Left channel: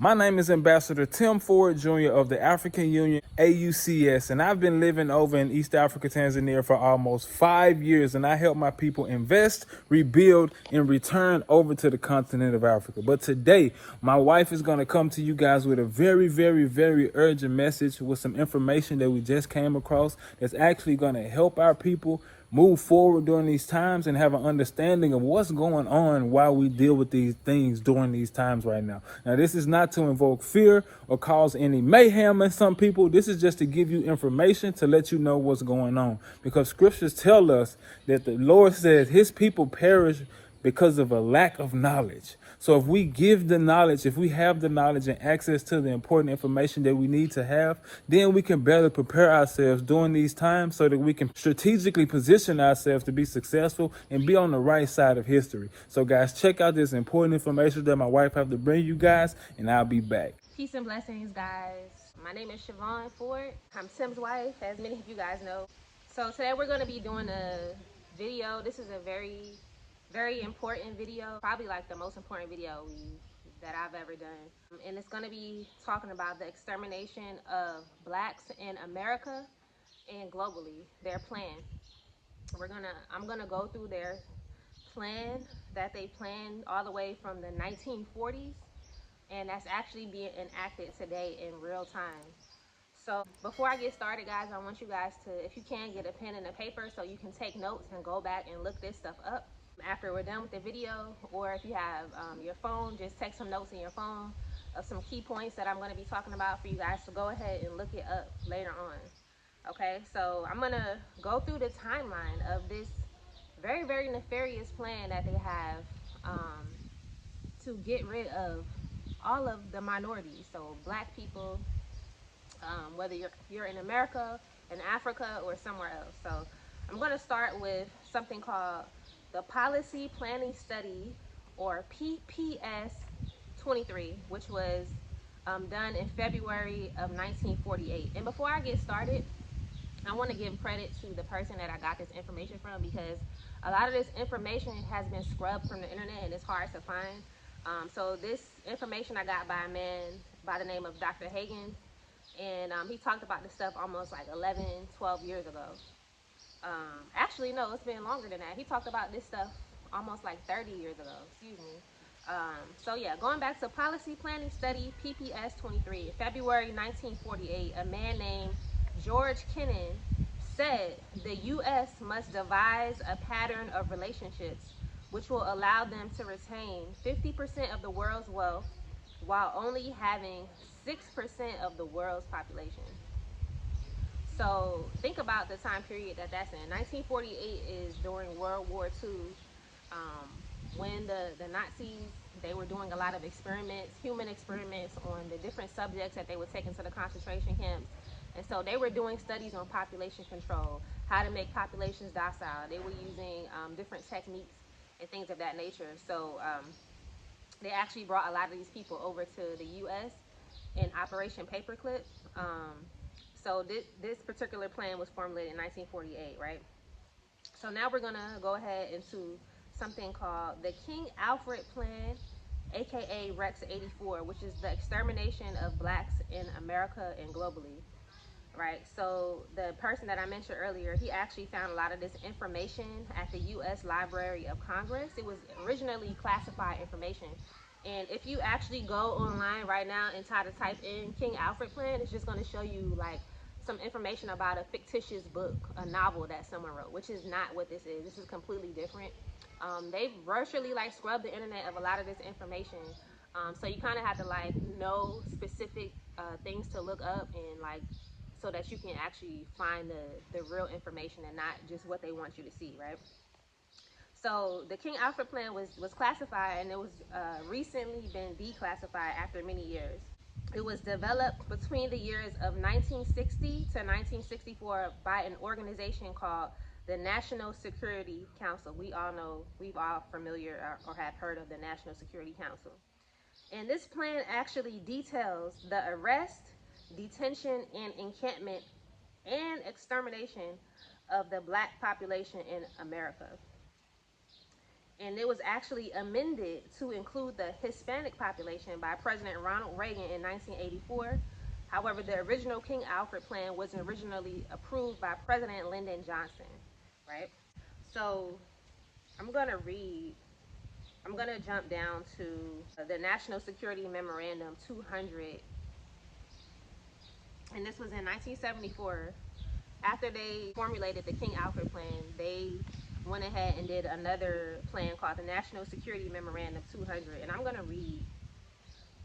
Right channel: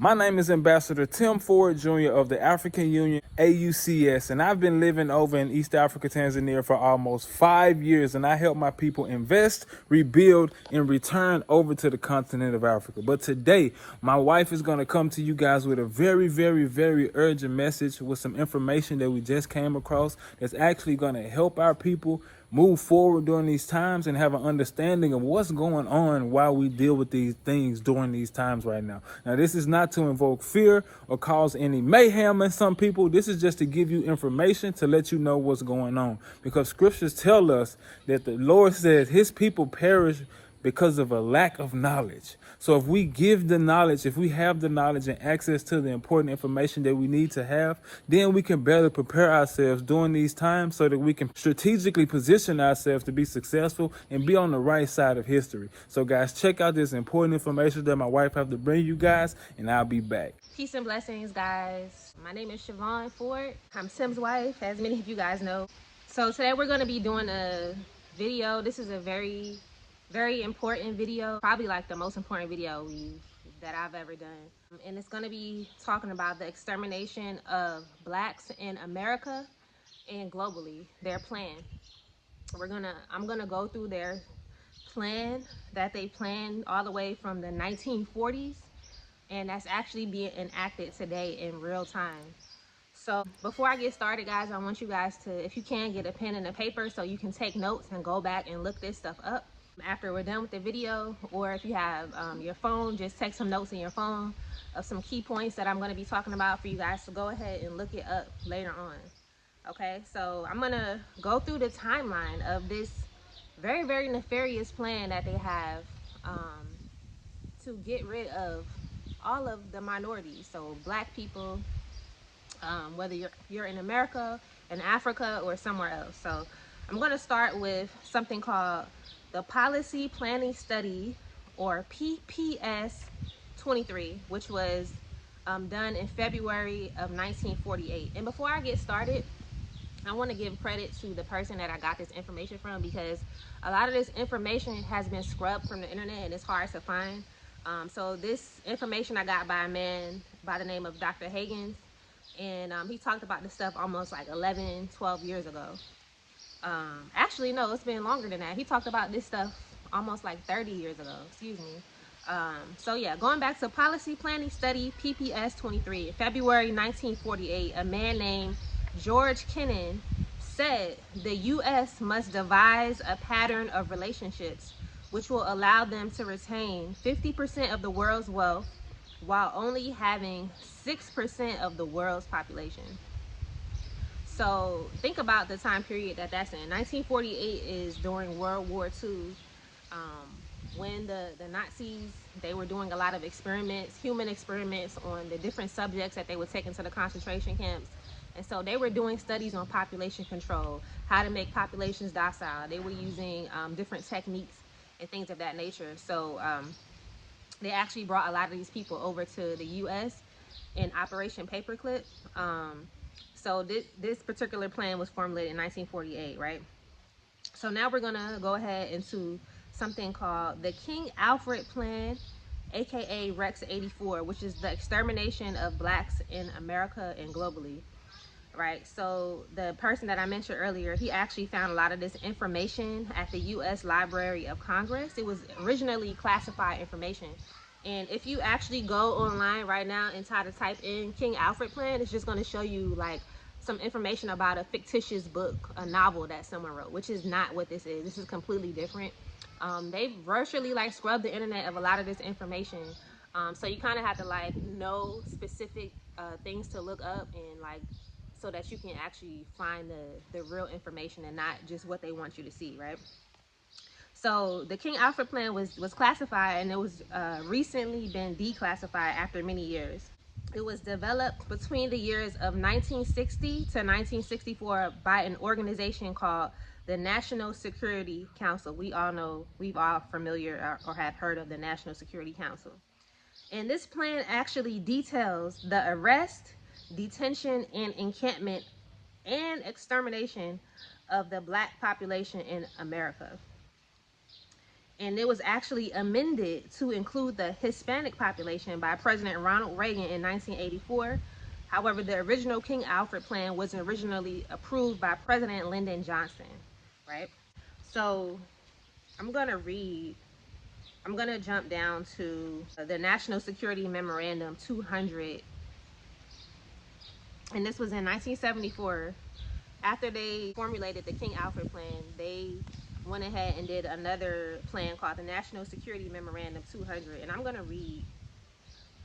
My name is Ambassador Tim Ford Jr. of the African Union, AUCS, and I've been living over in East Africa, Tanzania for almost 5 years, and I help my people invest, rebuild, and return over to the continent of Africa. But today, my wife is going to come to you guys with a very, very, very urgent message with some information that we just came across that's actually going to help our people move forward during these times and have an understanding of what's going on while we deal with these things during these times right now. Now, this is not to invoke fear or cause any mayhem in some people. This is just to give you information to let you know what's going on, because scriptures tell us that the Lord says his people perish because of a lack of knowledge. So if we give the knowledge, if we have the knowledge and access to the important information that we need to have, then we can better prepare ourselves during these times so that we can strategically position ourselves to be successful and be on the right side of history. So guys, check out this important information that my wife have to bring you guys, and I'll be back. Peace and blessings, guys. My name is Siobhan Ford. I'm Tim's wife, as many of you guys know. So today we're going to be doing a video. This is a very important video, probably like the most important video that I've ever done. And it's going to be talking about the extermination of blacks in America and globally, their plan. I'm gonna go through their plan that they planned all the way from the 1940s, and that's actually being enacted today in real time. So before I get started, guys, I want you guys to, if you can, get a pen and a paper so you can take notes and go back and look this stuff up after we're done with the video. Or if you have your phone, just take some notes in your phone of some key points that I'm going to be talking about for you guys to go ahead and look it up later on. Okay, so I'm going to go through the timeline of this very nefarious plan that they have to get rid of all of the minorities, so black people, whether you're in America, in Africa, or somewhere else. So I'm going to start with something called the Policy Planning Study, or PPS 23, which was done in February of 1948. And before I get started, I want to give credit to the person that I got this information from, because a lot of this information has been scrubbed from the internet and it's hard to find. So this information I got by a man by the name of Dr. Hagens, and he talked about this stuff almost like 11-12 years ago. Actually, no, it's been longer than that. He talked about this stuff almost like 30 years ago, excuse me. So yeah, going back to Policy Planning Study PPS 23, February 1948, a man named George Kennan said the U.S. must devise a pattern of relationships which will allow them to retain 50% of the world's wealth while only having 6% of the world's population. So think about the time period that's in. 1948 is during World War II, when the Nazis, they were doing a lot of experiments, human experiments, on the different subjects that they would take into the concentration camps. And so they were doing studies on population control, how to make populations docile. They were using different techniques and things of that nature. So they actually brought a lot of these people over to the U.S. in Operation Paperclip. So this particular plan was formulated in 1948, right? So now we're gonna go ahead into something called the King Alfred Plan, aka Rex 84, which is the extermination of blacks in America and globally. Right, so the person that I mentioned earlier, he actually found a lot of this information at the U.S. Library of Congress. It was originally classified information. And if you actually go online right now and try to type in King Alfred Plan, it's just going to show you like some information about a fictitious book, a novel that someone wrote, which is not what this is. This is completely different. They've virtually like scrubbed the internet of a lot of this information. So you kind of have to like know specific things to look up, and like, so that you can actually find the real information and not just what they want you to see, right? So the King Alfred Plan was classified, and it was recently been declassified after many years. It was developed between the years of 1960 to 1964 by an organization called the National Security Council. We've all familiar or have heard of the National Security Council. And this plan actually details the arrest, detention, and encampment and extermination of the black population in America. And it was actually amended to include the Hispanic population by President Ronald Reagan in 1984. However, the original King Alfred plan was originally approved by President Lyndon Johnson, right? So I'm going to jump down to the National Security Memorandum 200. And this was in 1974. After they formulated the King Alfred plan, they went ahead and did another plan called the National Security Memorandum 200. And I'm going to read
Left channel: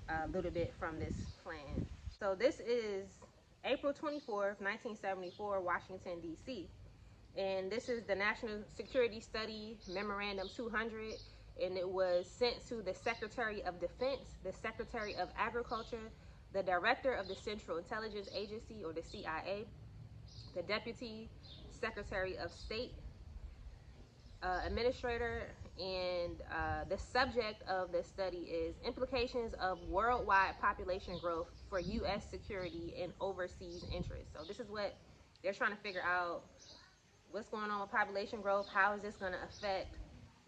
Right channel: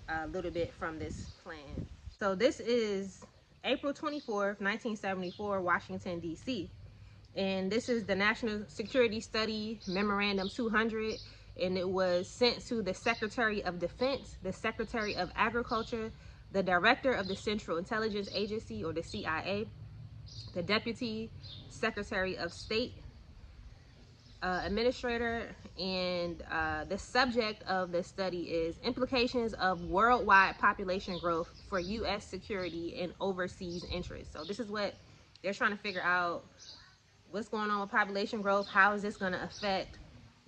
a little bit from this plan. So this is April 24th, 1974, Washington, D.C. And this is the National Security Study Memorandum 200. And it was sent to the Secretary of Defense, the Secretary of Agriculture, the Director of the Central Intelligence Agency, or the CIA, the Deputy Secretary of State, Administrator, and the subject of the study is implications of worldwide population growth for U.S. security and overseas interests. So this is what they're trying to figure out. What's going on with population growth? How is this going to affect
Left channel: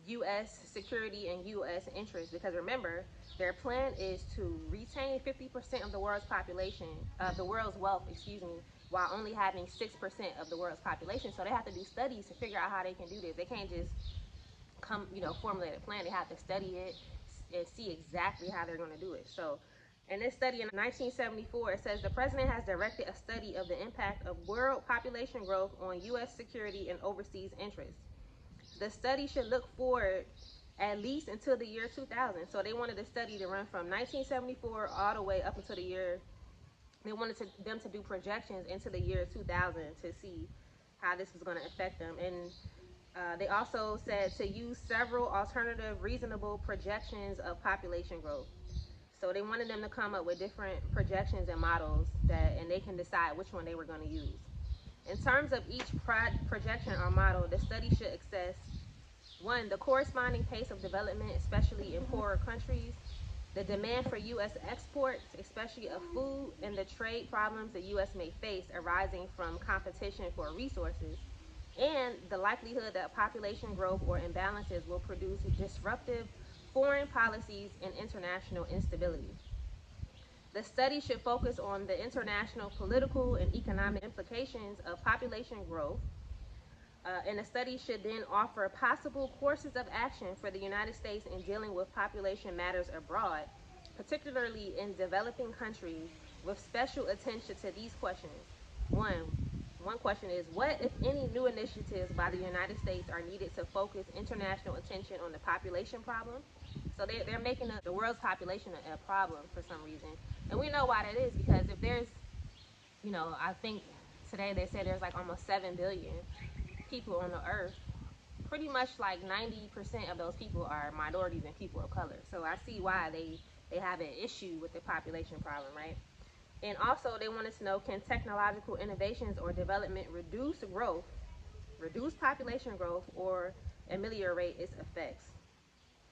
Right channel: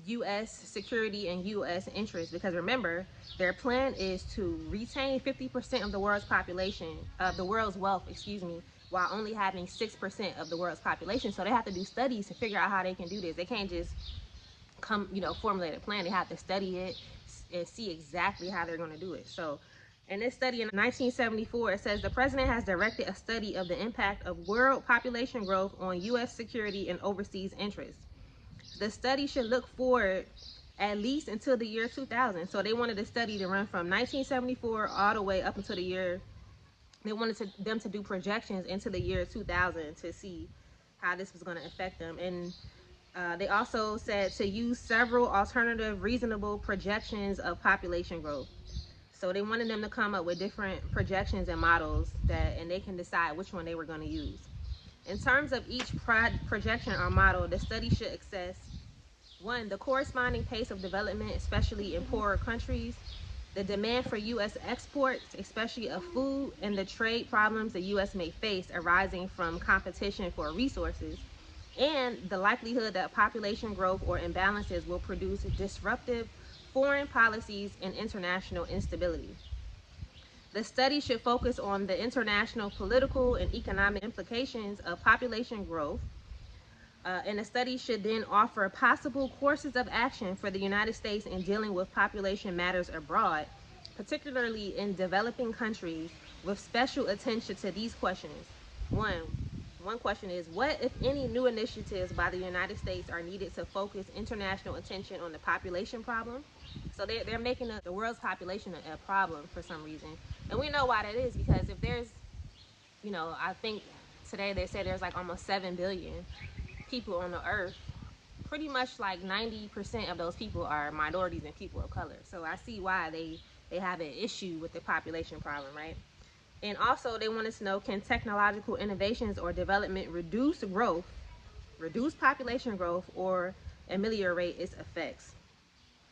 U.S. security and U.S. interests? Because remember, their plan is to retain 50% of the world's population, of the world's wealth, while only having 6% of the world's population. So they have to do studies to figure out how they can do this. They can't just formulate a plan. They have to study it and see exactly how they're going to do it. So in this study in 1974, it says the president has directed a study of the impact of world population growth on U.S. security and overseas interests. The study should look forward at least until the year 2000. So they wanted the study to run from 1974 all the way up until the year. They wanted them to do projections into the year 2000 to see how this was going to affect them. And they also said to use several alternative reasonable projections of population growth. So they wanted them to come up with different projections and models and they can decide which one they were going to use. In terms of each projection or model, the study should assess, 1, the corresponding pace of development, especially in poorer countries, the demand for U.S. exports, especially of food, and the trade problems the U.S. may face arising from competition for resources, and the likelihood that population growth or imbalances will produce disruptive foreign policies and international instability. The study should focus on the international political and economic implications of population growth, and the study should then offer possible courses of action for the United States in dealing with population matters abroad, particularly in developing countries, with special attention to these questions. One question is, what, if any, new initiatives by the United States are needed to focus international attention on the population problem? So they're making the world's population a problem for some reason. And we know why that is, because if there's, I think today they say there's like almost 7 billion people on the earth. Pretty much like 90% of those people are minorities and people of color. So I see why they have an issue with the population problem, right? And also they wanted to know, can technological innovations or development reduce population growth, or ameliorate its effects?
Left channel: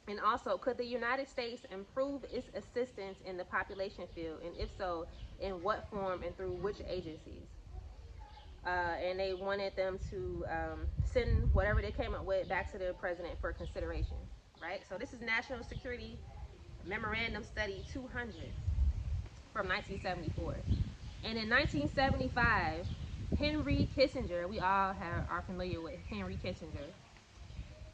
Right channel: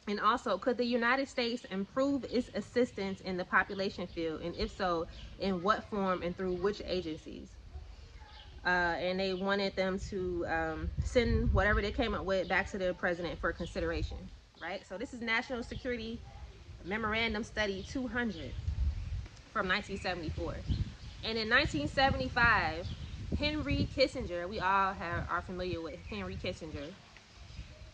And also, could the United States improve its assistance in the population field? And if so, in what form and through which agencies? And they wanted them to send whatever they came up with back to the president for consideration, right? So this is National Security Memorandum Study 200 from 1974. And in 1975, Henry Kissinger, we all are familiar with Henry Kissinger,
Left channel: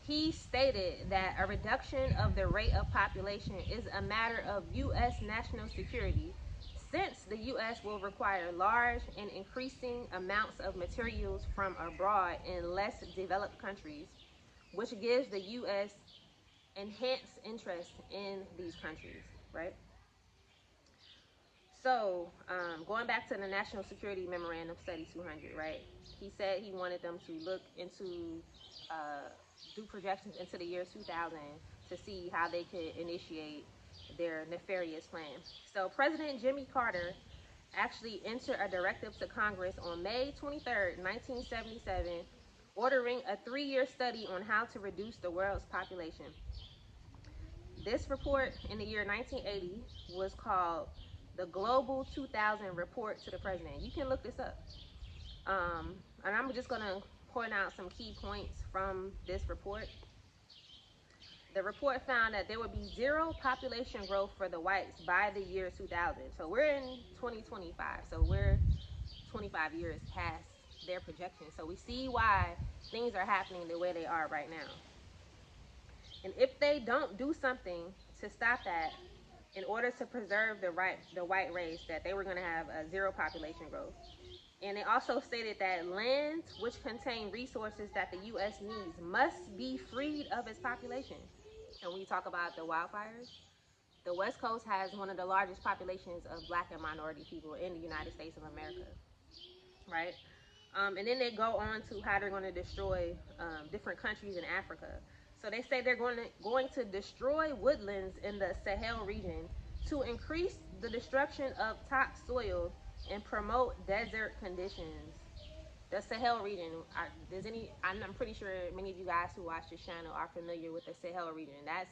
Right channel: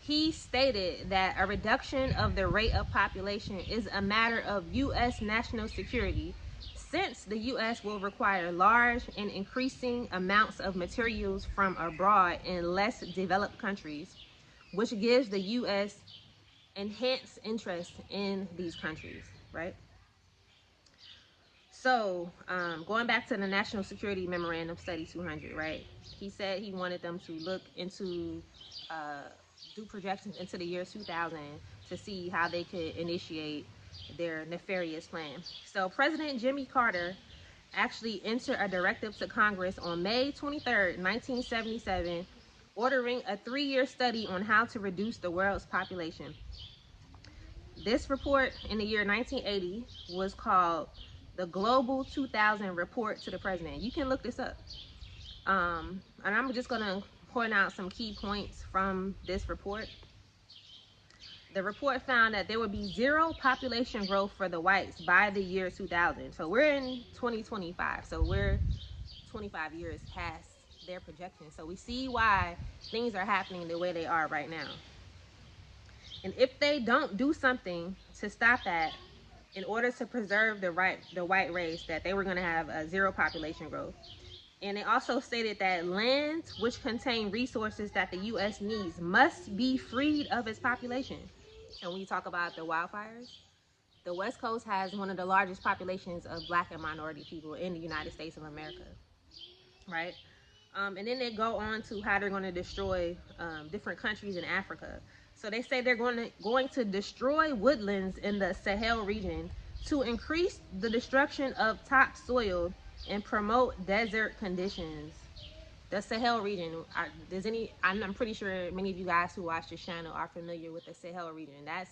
he stated that a reduction of the rate of population is a matter of U.S. national security, since the U.S. will require large and increasing amounts of materials from abroad in less developed countries, which gives the U.S. enhanced interest in these countries, right? So, going back to the National Security Memorandum Study 200, right? He said he wanted them to look into, do projections into the year 2000 to see how they could initiate their nefarious plan. So President Jimmy Carter actually entered a directive to Congress on May 23rd, 1977, ordering a 3-year study on how to reduce the world's population. This report in the year 1980 was called the Global 2000 Report to the President. You can look this up. And I'm just going to point out some key points from this report. The report found that there would be zero population growth for the whites by the year 2000. So we're in 2025. So we're 25 years past their projections. So we see why things are happening the way they are right now. And if they don't do something to stop that, in order to preserve the white race, that they were going to have a zero population growth. And it also stated that lands which contain resources that the U.S. needs must be freed of its population. And when you talk about the wildfires, the West Coast has one of the largest populations of Black and minority people in the United States of America, right? And then they go on to how they're going to destroy different countries in Africa. So they say they're going to destroy woodlands in the Sahel region to increase the destruction of topsoil and promote desert conditions. The Sahel region, I'm pretty sure many of you guys who watch this channel are familiar with the Sahel region. That's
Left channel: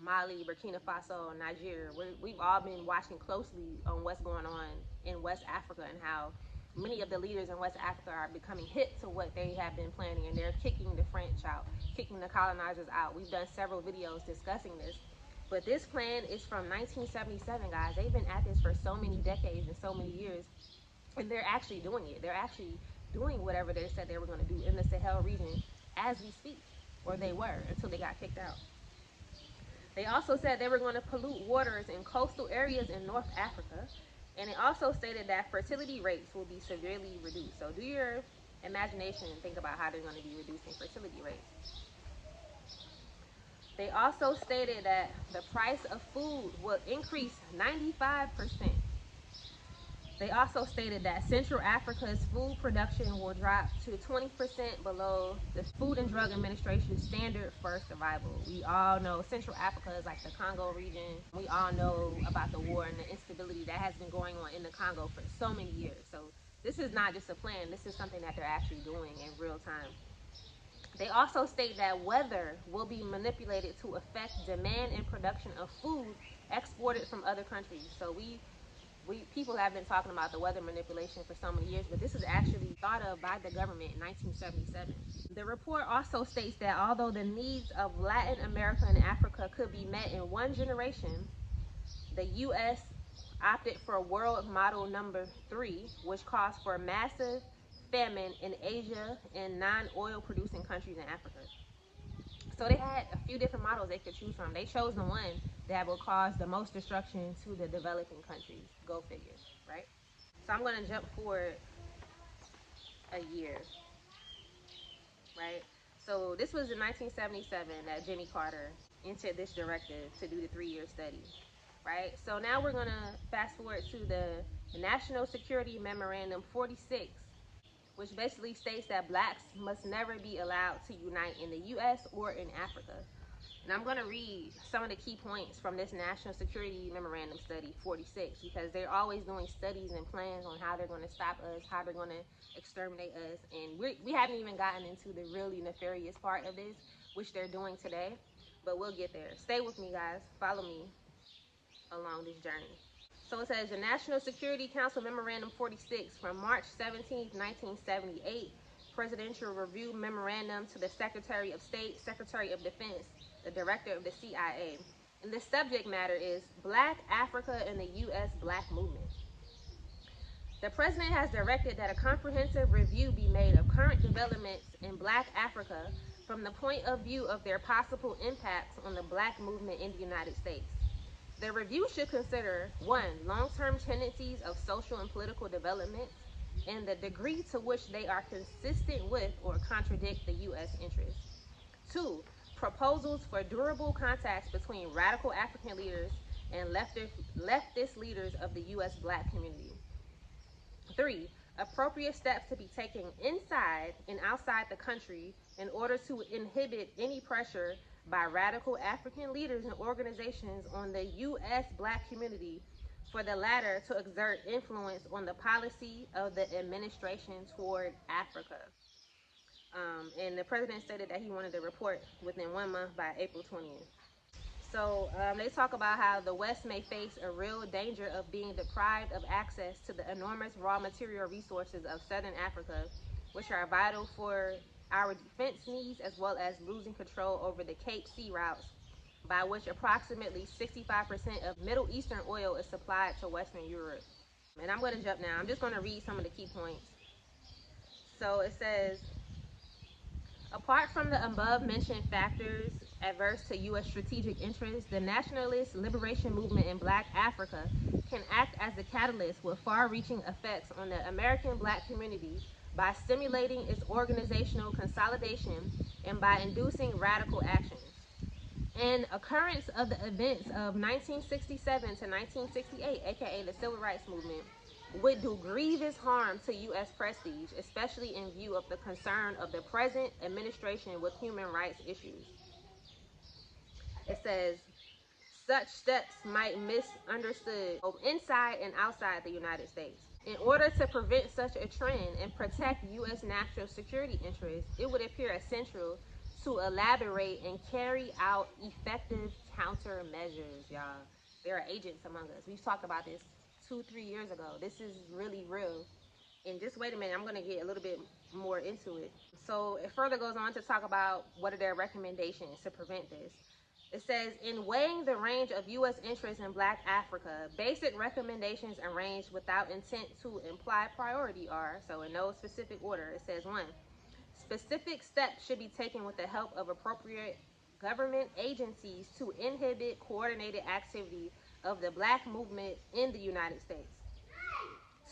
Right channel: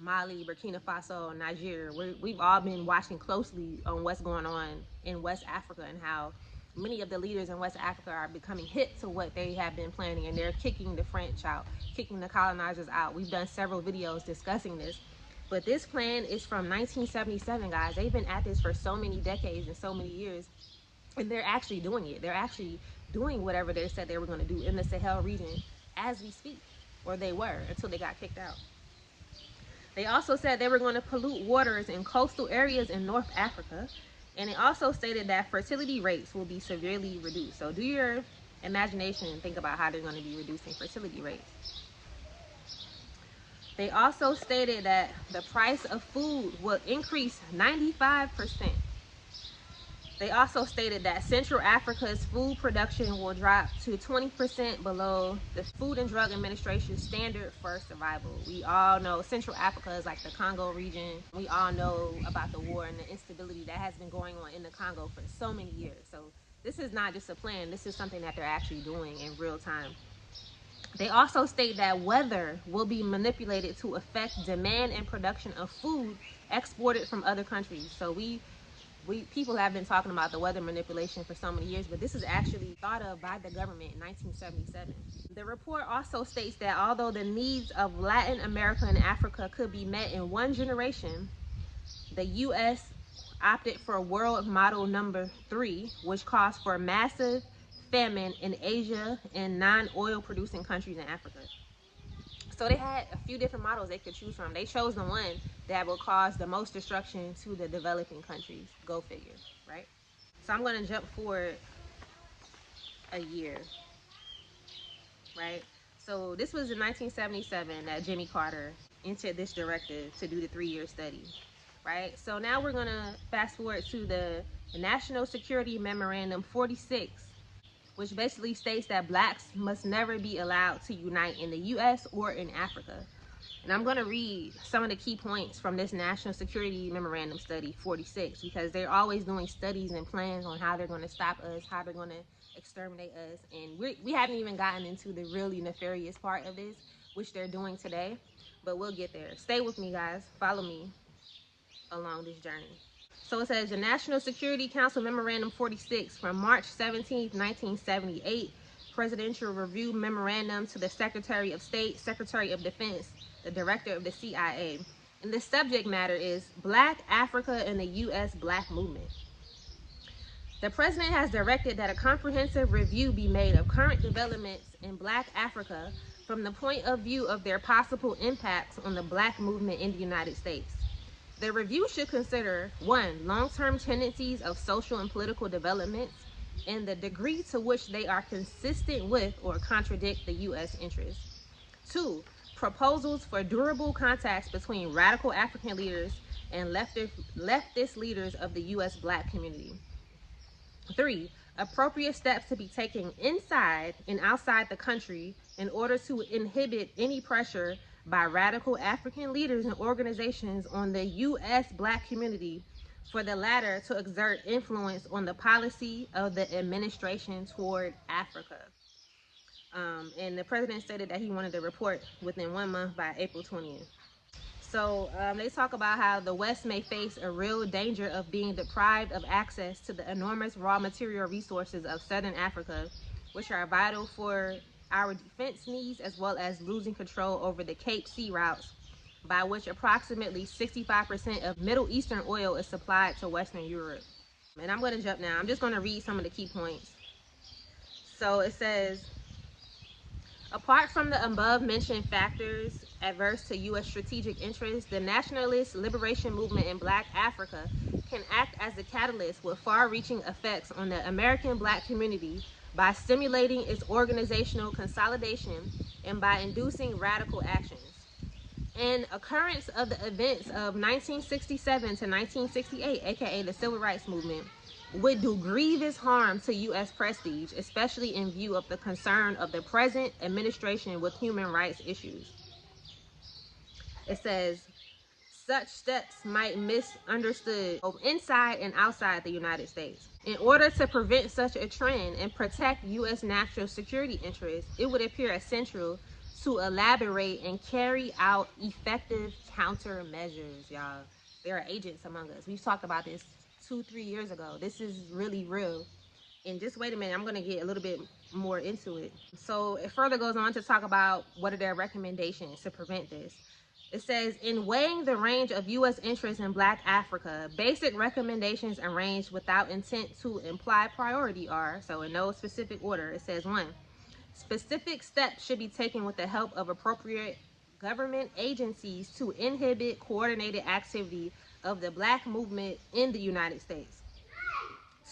Mali, Burkina Faso, Nigeria. We've all been watching closely on what's going on in West Africa and how many of the leaders in West Africa are becoming hip to what they have been planning, and they're kicking the French out, kicking the colonizers out. We've done several videos discussing this, but this plan is from 1977, guys. They've been at this for so many decades and so many years, and they're actually doing it. They're actually doing whatever they said they were going to do in the Sahel region as we speak, or they were until they got kicked out. They also said they were going to pollute waters in coastal areas in North Africa. And it also stated that fertility rates will be severely reduced. So do your imagination and think about how they're going to be reducing fertility rates. They also stated that the price of food will increase 95%. They also stated that Central Africa's food production will drop to 20% below the Food and Drug Administration's standard for survival. We all know Central Africa is like the Congo region. We all know about the war and the instability that has been going on in the Congo for so many years. So this is not just a plan. This is something that they're actually doing in real time. They also state that weather will be manipulated to affect demand and production of food exported from other countries. So people have been talking about the weather manipulation for so many years, but this is actually thought of by the government in 1977. The report also states that although the needs of Latin America and Africa could be met in one generation, the U.S. opted for world model number 3, which calls for massive famine in Asia and non-oil producing countries in Africa. So they had a few different models they could choose from. They chose the one that will cause the most destruction to the developing countries. Go figure, right? So I'm going to jump forward a year, right? So this was in 1977 that Jimmy Carter entered this directive to do the 3-year study, right? So now we're going to fast forward to the National Security Memorandum 46, which basically states that blacks must never be allowed to unite in the U.S. or in Africa. And I'm going to read some of the key points from this National Security Memorandum Study 46, because they're always doing studies and plans on how they're going to stop us, how they're going to exterminate us. And we haven't even gotten into the really nefarious part of this, which they're doing today, but we'll get there. Stay with me, guys. Follow me along this journey. So it says the National Security Council Memorandum 46 from March 17, 1978, Presidential Review Memorandum to the Secretary of State, Secretary of Defense, the Director of the CIA. And the subject matter is Black Africa and the U.S. Black Movement. The President has directed that a comprehensive review be made of current developments in Black Africa from the point of view of their possible impacts on the Black movement in the United States. The review should consider 1. Long-term tendencies of social and political developments and the degree to which they are consistent with or contradict the U.S. interests. 2. Proposals for durable contacts between radical African leaders and leftist leaders of the U.S. Black community. 3. Appropriate steps to be taken inside and outside the country in order to inhibit any pressure by radical African leaders and organizations on the U.S. Black community, for the latter to exert influence on the policy of the administration toward Africa. And the president stated that he wanted to report within 1 month by April 20th. So they talk about how the West may face a real danger of being deprived of access to the enormous raw material resources of Southern Africa, which are vital for our defense needs, as well as losing control over the Cape Sea routes by which approximately 65% of Middle Eastern oil is supplied to Western Europe. And I'm going to jump now. I'm just going to read some of the key points. So it says, apart from the above mentioned factors adverse to U.S. strategic interests, the nationalist liberation movement in Black Africa can act as the catalyst with far-reaching effects on the American Black community by stimulating its organizational consolidation and by inducing radical actions. An occurrence of the events of 1967 to 1968, aka the Civil Rights Movement, would do grievous harm to U.S. prestige, especially in view of the concern of the present administration with human rights issues. It says, such steps might be misunderstood both inside and outside the United States. In order to prevent such a trend and protect U.S. national security interests, it would appear essential to elaborate and carry out effective countermeasures, y'all. There are agents among us. We've talked about this 2-3 years ago. This is really real. And just wait a minute, I'm going to get a little bit more into it. So it further goes on to talk about what are their recommendations to prevent this. It says, in weighing the range of U.S. interests in Black Africa, basic recommendations arranged without intent to imply priority are, so in no specific order, it says, 1, specific steps should be taken with the help of appropriate government agencies to inhibit coordinated activity of the Black movement in the United States.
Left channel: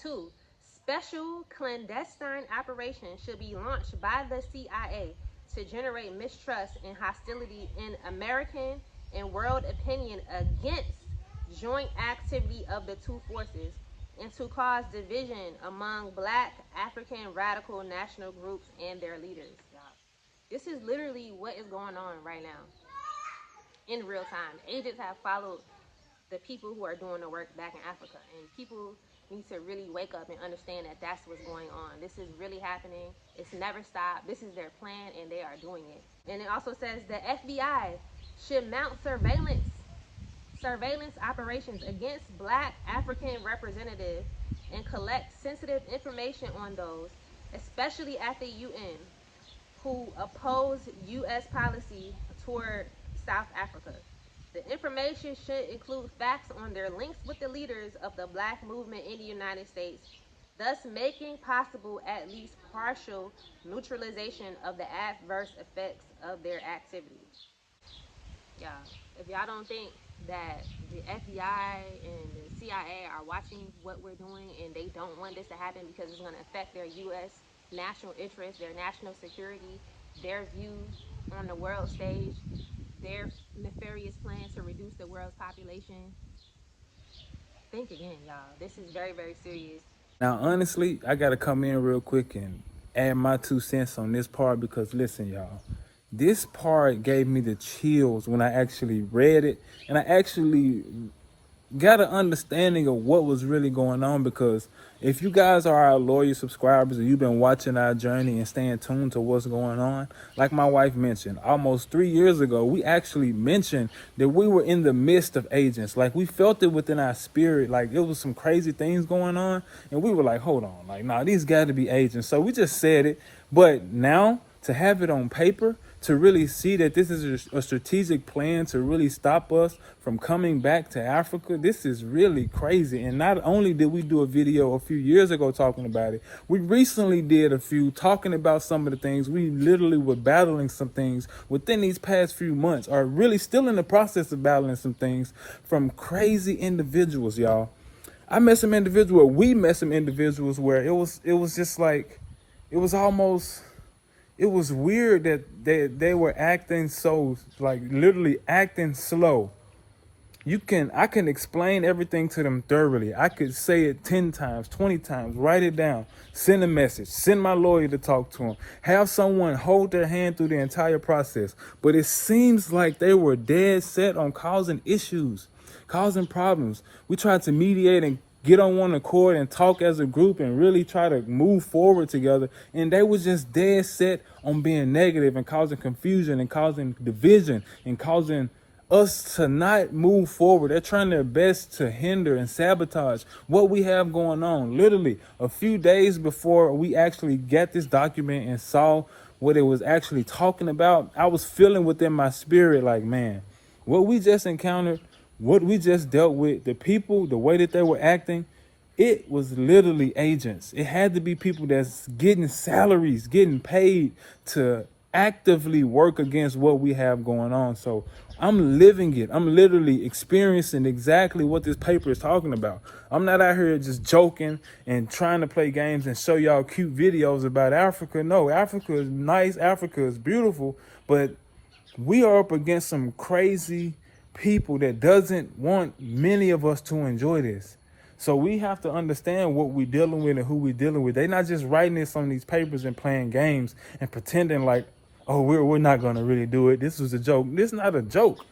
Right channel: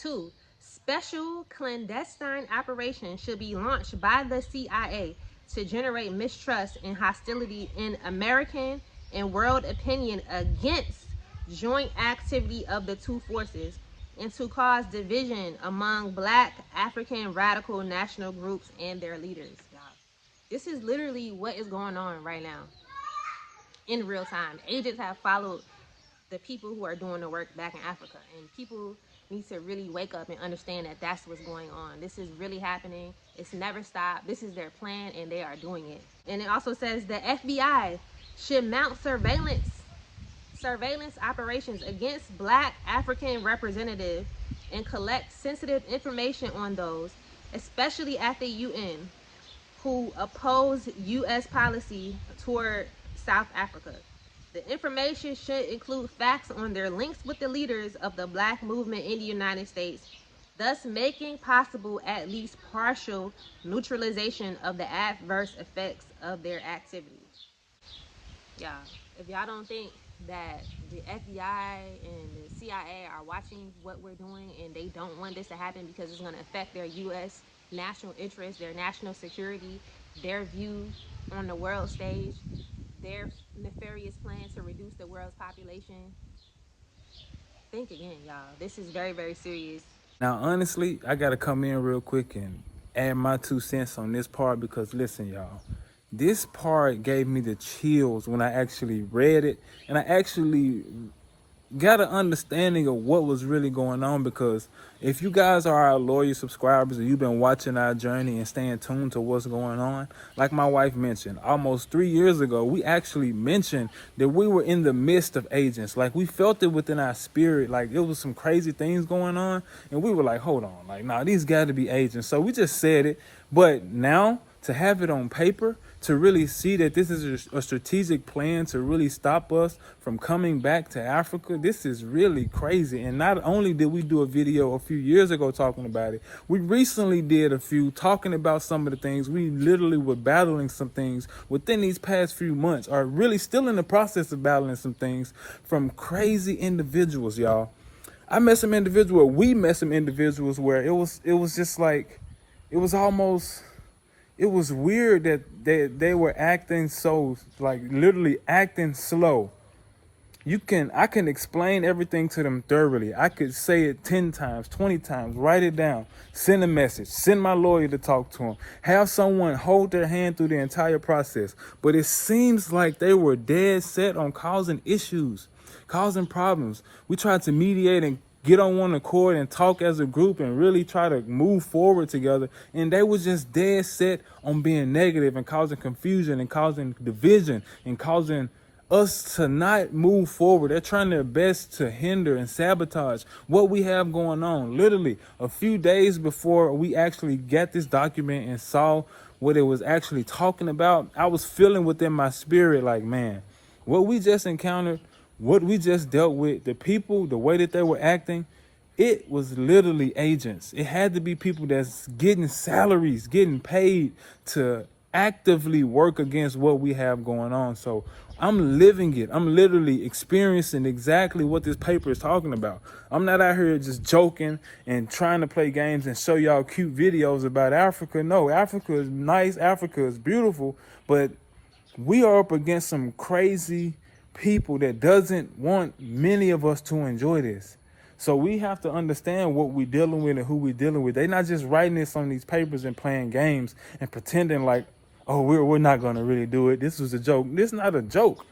2, special clandestine operations should be launched by the CIA to generate mistrust and hostility in American and world opinion against joint activity of the two forces and to cause division among Black African radical national groups and their leaders. Y'all, this is literally what is going on right now in real time. Agents have followed the people who are doing the work back in Africa, and people need to really wake up and understand that that's what's going on. This is really happening. It's never stopped. This is their plan, and they are doing it. And it also says the FBI should mount surveillance operations against Black African representatives and collect sensitive information on those, especially at the UN, who oppose U.S. policy toward South Africa. The information should include facts on their links with the leaders of the Black movement in the United States, thus making possible at least partial neutralization of the adverse effects of their activities. Yeah, if y'all don't think that the FBI and the CIA are watching what we're doing and they don't want this to happen because it's going to affect their U.S. national interests, their national security, their view on the world stage, their nefarious plan to reduce the world's population, think again, y'all. This is very, very serious. Now, honestly, I got to come in real quick and add my 2 cents on this part because, listen, y'all, this part gave me the chills when I actually read it, and I actually got an understanding of what was really going on, because if you guys are our loyal subscribers and you've been watching our journey and staying tuned to what's going on, like my wife mentioned, almost 3 years ago, we actually mentioned that we were in the midst of agents. Like, we felt it within our spirit, like it was some crazy things going on, and we were like, hold on, like, nah, these got to be agents. So we just said it, but now to have it on paper, to really see that this is a strategic plan to really stop us from coming back to Africa, this is really crazy. And not only did we do a video a few years ago talking about it, we recently did a few talking about some of the things. We literally were battling some things within these past few months, or really still in the process of battling some things from crazy individuals, y'all. I met some individuals, we met some individuals where it was just like, it was almost, it was weird that they were acting so, like, literally acting slow. I can explain everything to them thoroughly. I could say it 10 times, 20 times, write it down, send a message, send my lawyer to talk to them, have someone hold their hand through the entire process. But it seems like they were dead set on causing issues, causing problems. We tried to mediate and get on one accord and talk as a group and really try to move forward together, and they were just dead set on being negative and causing confusion and causing division and causing us to not move forward. They're trying their best to hinder and sabotage what we have going on. Literally a few days before we actually got this document and saw what it was actually talking about, I was feeling within my spirit like, man, What we just encountered, what we just dealt with, the people, the way that they were acting, it was literally agents. It had to be people that's getting salaries, getting paid to actively work against what we have going on. So I'm living it. I'm literally experiencing exactly what this paper is talking about. I'm not out here just joking and trying to play games and show y'all cute videos about Africa. No, Africa is nice. Africa is beautiful. But we are up against some crazy people that doesn't want many of us to enjoy this. So we have to understand what we're dealing with and who we're dealing with. They're not just writing this on these papers and playing games and pretending like, oh, we're not going to really do it. This was a joke. This is not a joke.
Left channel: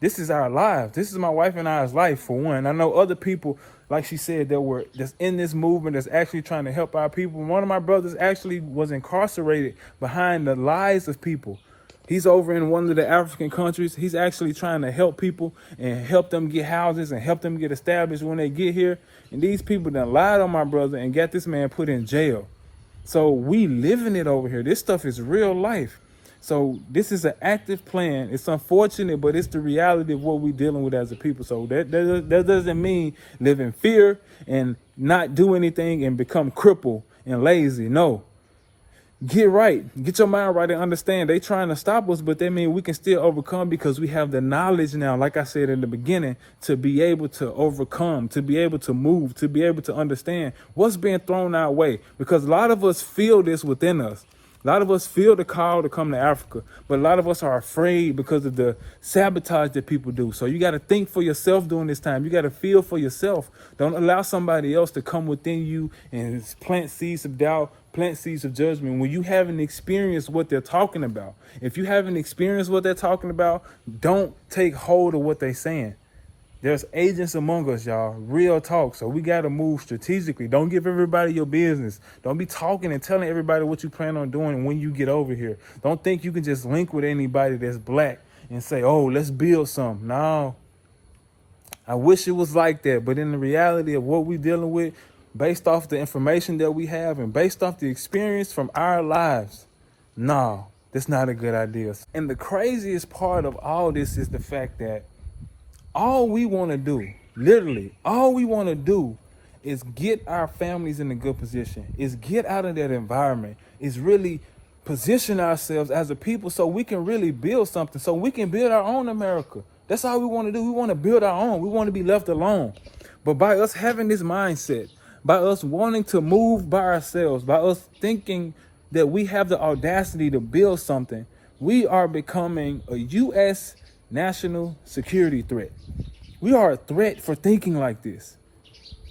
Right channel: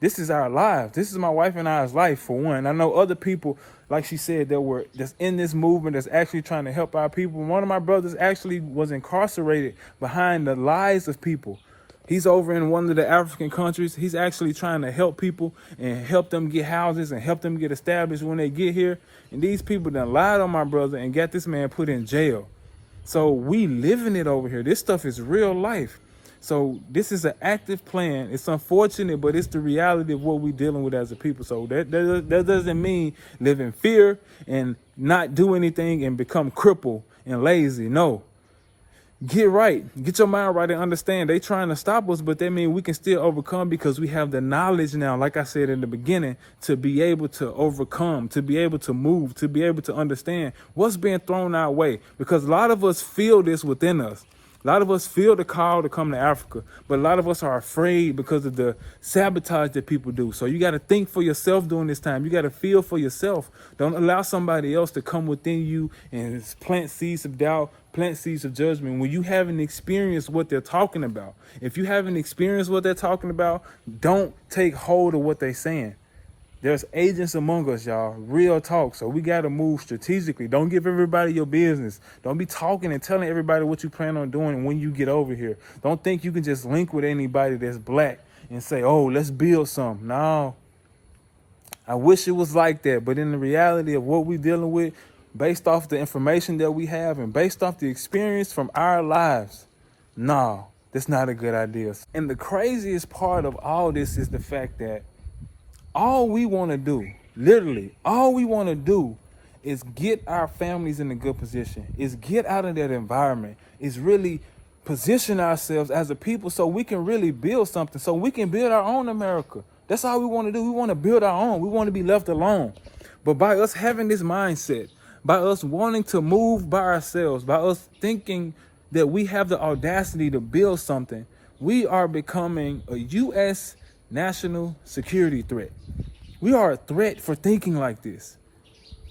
This is our lives. This is my wife and I's life, for one. I know other people, like she said, that's in this movement that's actually trying to help our people. One of my brothers actually was incarcerated behind the lies of people. He's over in one of the African countries. He's actually trying to help people and help them get houses and help them get established when they get here. And these people done lied on my brother and got this man put in jail. So we living it over here. This stuff is real life. So this is an active plan. It's unfortunate, but it's the reality of what we're dealing with as a people. So that doesn't mean live in fear and not do anything and become crippled and lazy. No. Get right. Get your mind right and understand they trying to stop us, but that means we can still overcome because we have the knowledge now, like I said in the beginning, to be able to overcome, to be able to move, to be able to understand what's being thrown our way. Because a lot of us feel this within us. A lot of us feel the call to come to Africa, but a lot of us are afraid because of the sabotage that people do. So you got to think for yourself during this time. You got to feel for yourself. Don't allow somebody else to come within you and plant seeds of doubt, plant seeds of judgment when you haven't experienced what they're talking about. If you haven't experienced what they're talking about, don't take hold of what they're saying. There's agents among us, y'all. Real talk. So we got to move strategically. Don't give everybody your business. Don't be talking and telling everybody what you plan on doing when you get over here. Don't think you can just link with anybody that's black and say, oh, let's build something. No. I wish it was like that. But in the reality of what we're dealing with, based off the information that we have and based off the experience from our lives, no, that's not a good idea. And the craziest part of all this is the fact that all we want to do, literally, all we want to do is get our families in a good position, is get out of that environment, is really position ourselves as a people so we can really build something, so we can build our own America. That's all we want to do. We want to build our own. We want to be left alone. But by us having this mindset, by us wanting to move by ourselves, by us thinking that we have the audacity to build something, we are becoming a U.S. national security threat. We are a threat for thinking like this.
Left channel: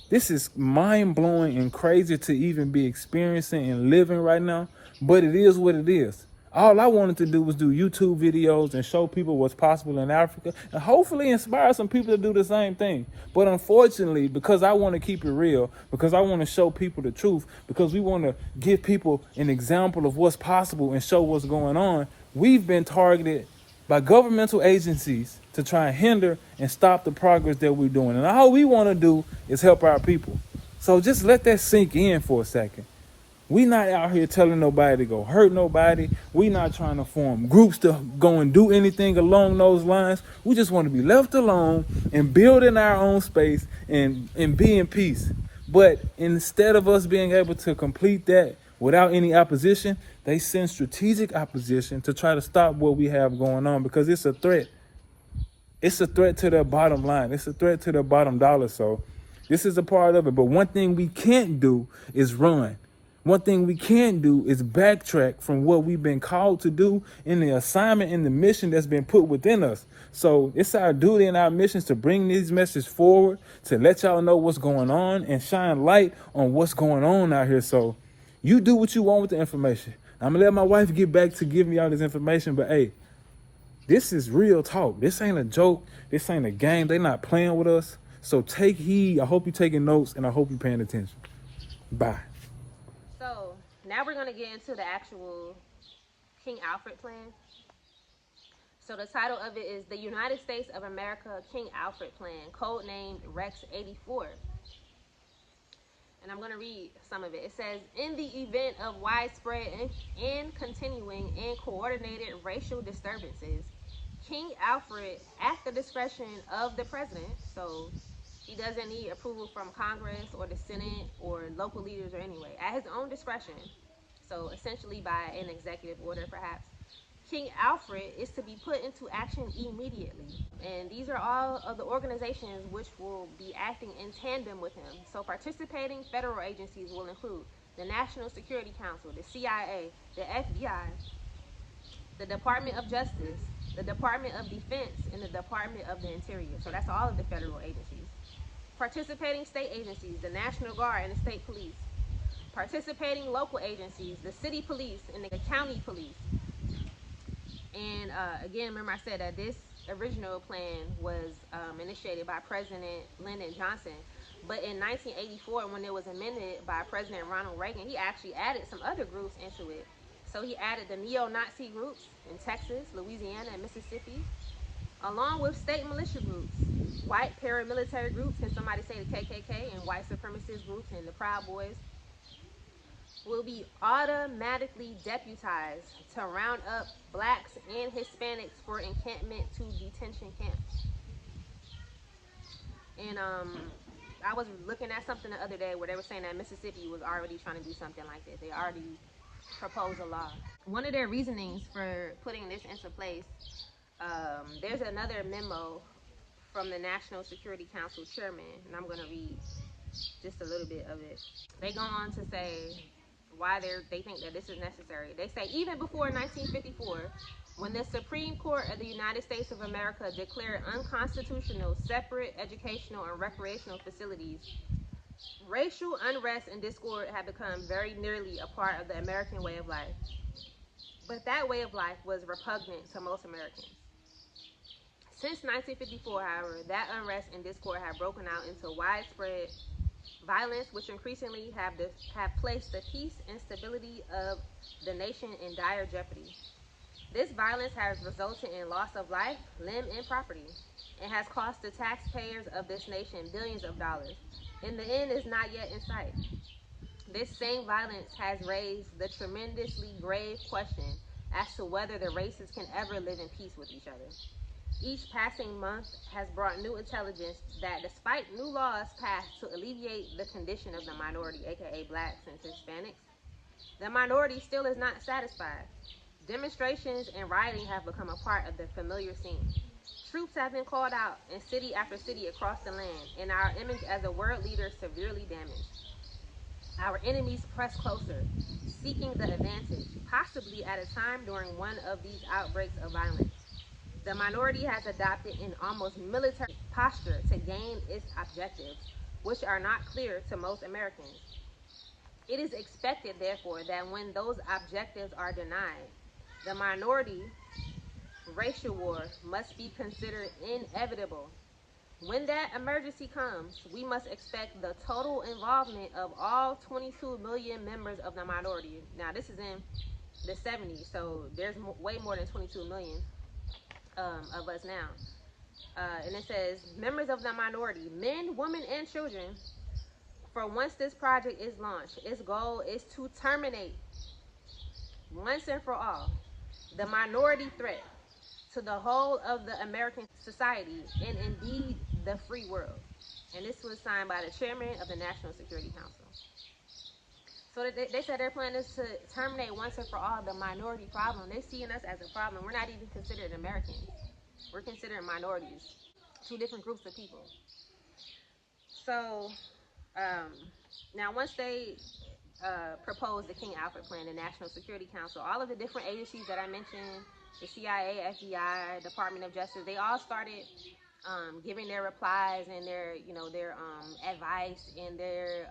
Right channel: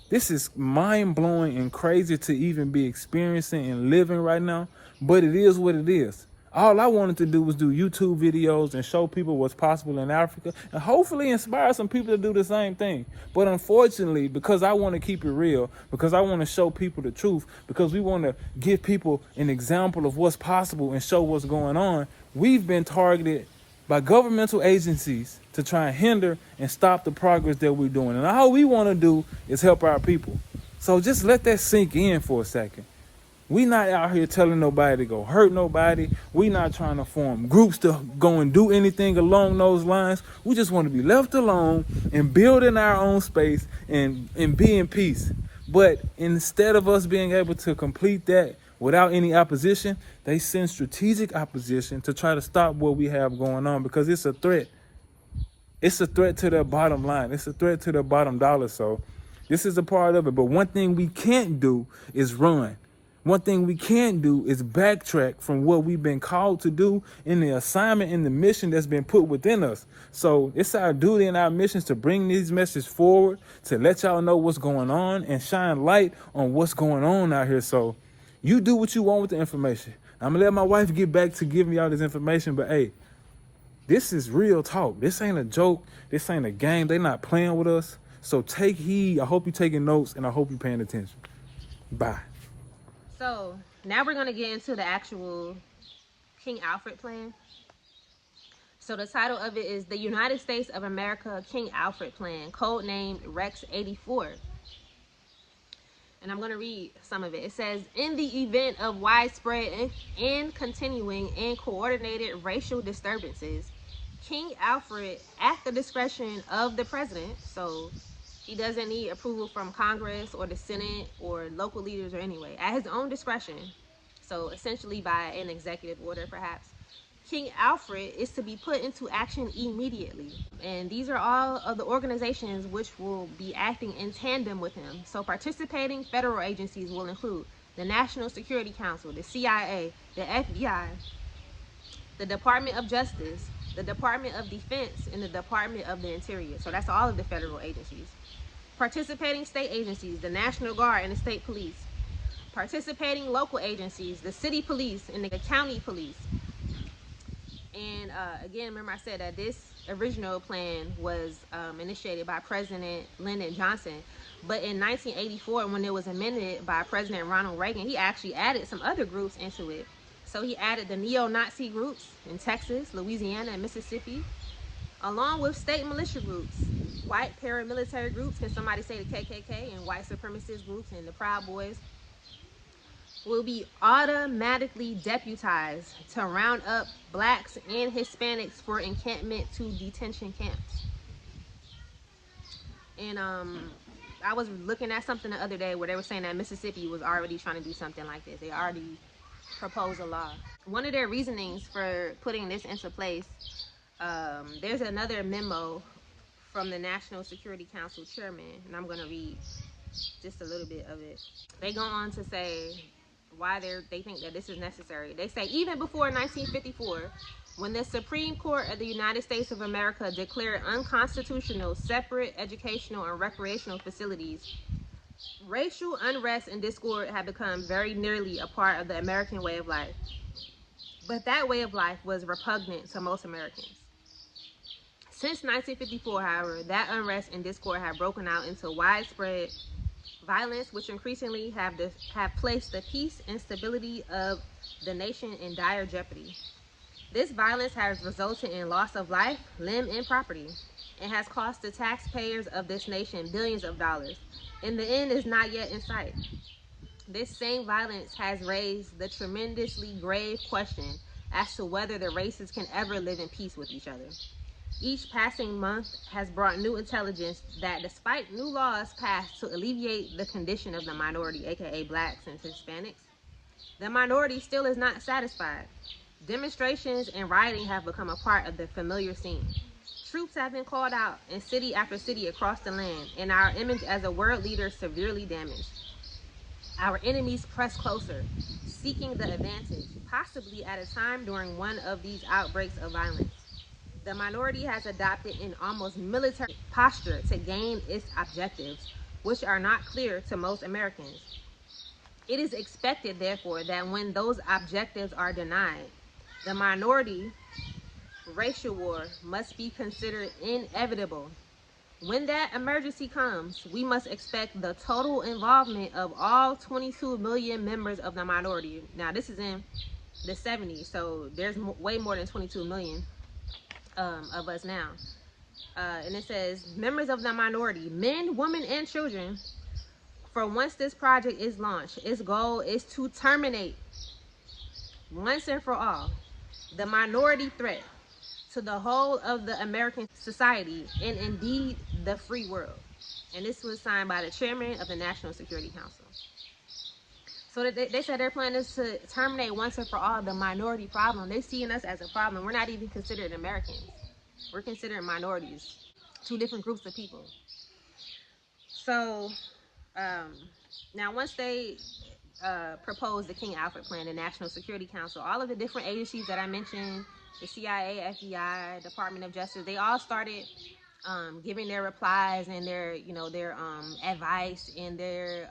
This is mind-blowing and crazy to even be experiencing and living right now, but it is what it is. All I wanted to do was do YouTube videos and show people what's possible in Africa and hopefully inspire some people to do the same thing. But unfortunately, because I want to keep it real, because I want to show people the truth, because we want to give people an example of what's possible and show what's going on, we've been targeted by governmental agencies to try and hinder and stop the progress that we're doing. And all we want to do is help our people. So just let that sink in for a second. We not out here telling nobody to go hurt nobody. We not trying to form groups to go and do anything along those lines. We just want to be left alone and build in our own space and be in peace. But instead of us being able to complete that without any opposition, they send strategic opposition to try to stop what we have going on because it's a threat. It's a threat to their bottom line. It's a threat to their bottom dollar. So this is a part of it. But one thing we can't do is run. One thing we can't do is backtrack from what we've been called to do in the assignment and the mission that's been put within us. So it's our duty and our missions to bring these messages forward, to let y'all know what's going on and shine light on what's going on out here. So you do what you want with the information. I'm going to let my wife get back to giving y'all this information. But, hey, this is real talk. This ain't a joke. This ain't a game. They're not playing with us. So take heed. I hope you're taking notes, and I hope you're paying attention. Bye. So now we're going to get into the actual King Alfred plan. So the title of it is the United States of America King Alfred Plan, codenamed Rex 84. And I'm going to read some of it. It says, in the event of widespread and continuing and coordinated racial disturbances, King Alfred, at the discretion of the president, so he doesn't need approval from Congress or the Senate or local leaders or anyway, at his own discretion, so essentially by an executive order perhaps, King Alfred is to be put into action immediately. And these are all of the organizations which will be acting in tandem with him. So participating federal agencies will include the National Security Council, the CIA, the FBI, the Department of Justice, the Department of Defense, and the Department of the Interior. So that's all of the federal agencies. Participating state agencies, the National Guard and the state police. Participating local agencies, the city police and the county police. And again, remember I said that this original plan was initiated by President Lyndon Johnson. But in 1984, when it was amended by President Ronald Reagan, he actually added some other groups into it. So he added the neo-Nazi groups in Texas, Louisiana, and Mississippi, along with state militia groups, white paramilitary groups, can somebody say the KKK, and white supremacist groups and the Proud Boys, will be automatically deputized to round up blacks and Hispanics for encampment to detention camps. And I was looking at something the other day where they were saying that Mississippi was already trying to do something like this. They already proposed a law. One of their reasonings for putting this into place, there's another memo from the National Security Council chairman, and I'm going to read just a little bit of it. They go on to say why they think that this is necessary. They say, even before 1954, when the Supreme Court of the United States of America declared unconstitutional separate educational and recreational facilities, racial unrest and discord had become very nearly a part of the American way of life. But that way of life was repugnant to most Americans. Since 1954, however, that unrest and discord have broken out into widespread violence, which increasingly have placed the peace and stability of the nation in dire jeopardy. This violence has resulted in loss of life, limb, and property, and has cost the taxpayers of this nation billions of dollars. And the end is not yet in sight. This same violence has raised the tremendously grave question as to whether the races can ever live in peace with each other. Each passing month has brought new intelligence that despite new laws passed to alleviate the condition of the minority, aka blacks and Hispanics, the minority still is not satisfied. Demonstrations and rioting have become a part of the familiar scene. Troops have been called out in city after city across the land, and our image as a world leader severely damaged. Our enemies press closer, seeking the advantage, possibly at a time during one of these outbreaks of violence. The minority has adopted an almost military posture to gain its objectives, which are not clear to most Americans. It is expected, therefore, that when those objectives are denied, the minority racial war must be considered inevitable. When that emergency comes, we must expect the total involvement of all 22 million members of the minority. Now, this is in the 70s, so there's way more than 22 million of us now. And it says, members of the minority, men, women, and children, for once this project is launched, its goal is to terminate, once and for all, the minority threat to the whole of the American society and indeed the free world. And this was signed by the chairman of the National Security Council. So they said their plan is to terminate once and for all the minority problem. They're seeing us as a problem. We're not even considered Americans. We're considered minorities, two different groups of people. So now once they proposed the King Alfred plan, the National Security Council, all of the different agencies that I mentioned, the CIA, FBI, Department of Justice, they all started giving their replies and their advice and their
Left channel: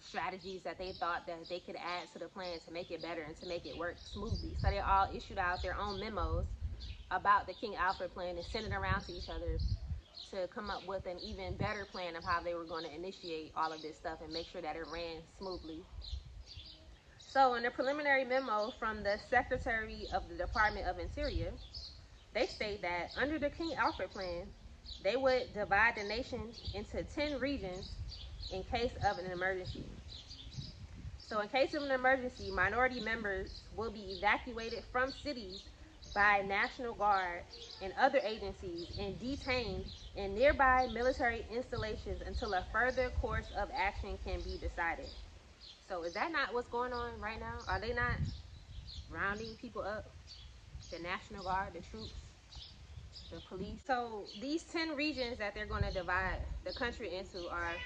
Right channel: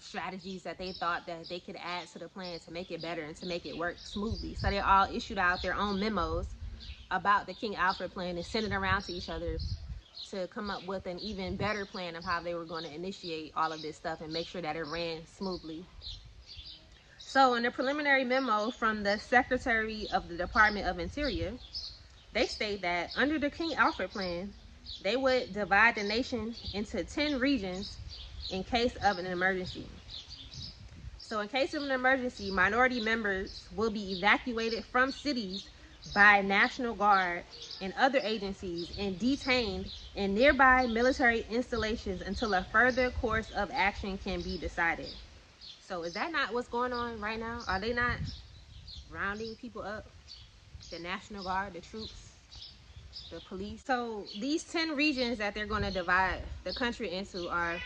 strategies that they thought that they could add to the plan to make it better and to make it work smoothly. So they all issued out their own memos about the King Alfred plan and sent it around to each other to come up with an even better plan of how they were going to initiate all of this stuff and make sure that it ran smoothly. So in the preliminary memo from the Secretary of the Department of Interior, they state that under the King Alfred plan, they would divide the nation into 10 regions in case of an emergency. So in case of an emergency, minority members will be evacuated from cities by National Guard and other agencies and detained in nearby military installations until a further course of action can be decided. So is that not what's going on right now? Are they not rounding people up? The National Guard, the troops, the police. So these 10 regions that they're going to divide the country into are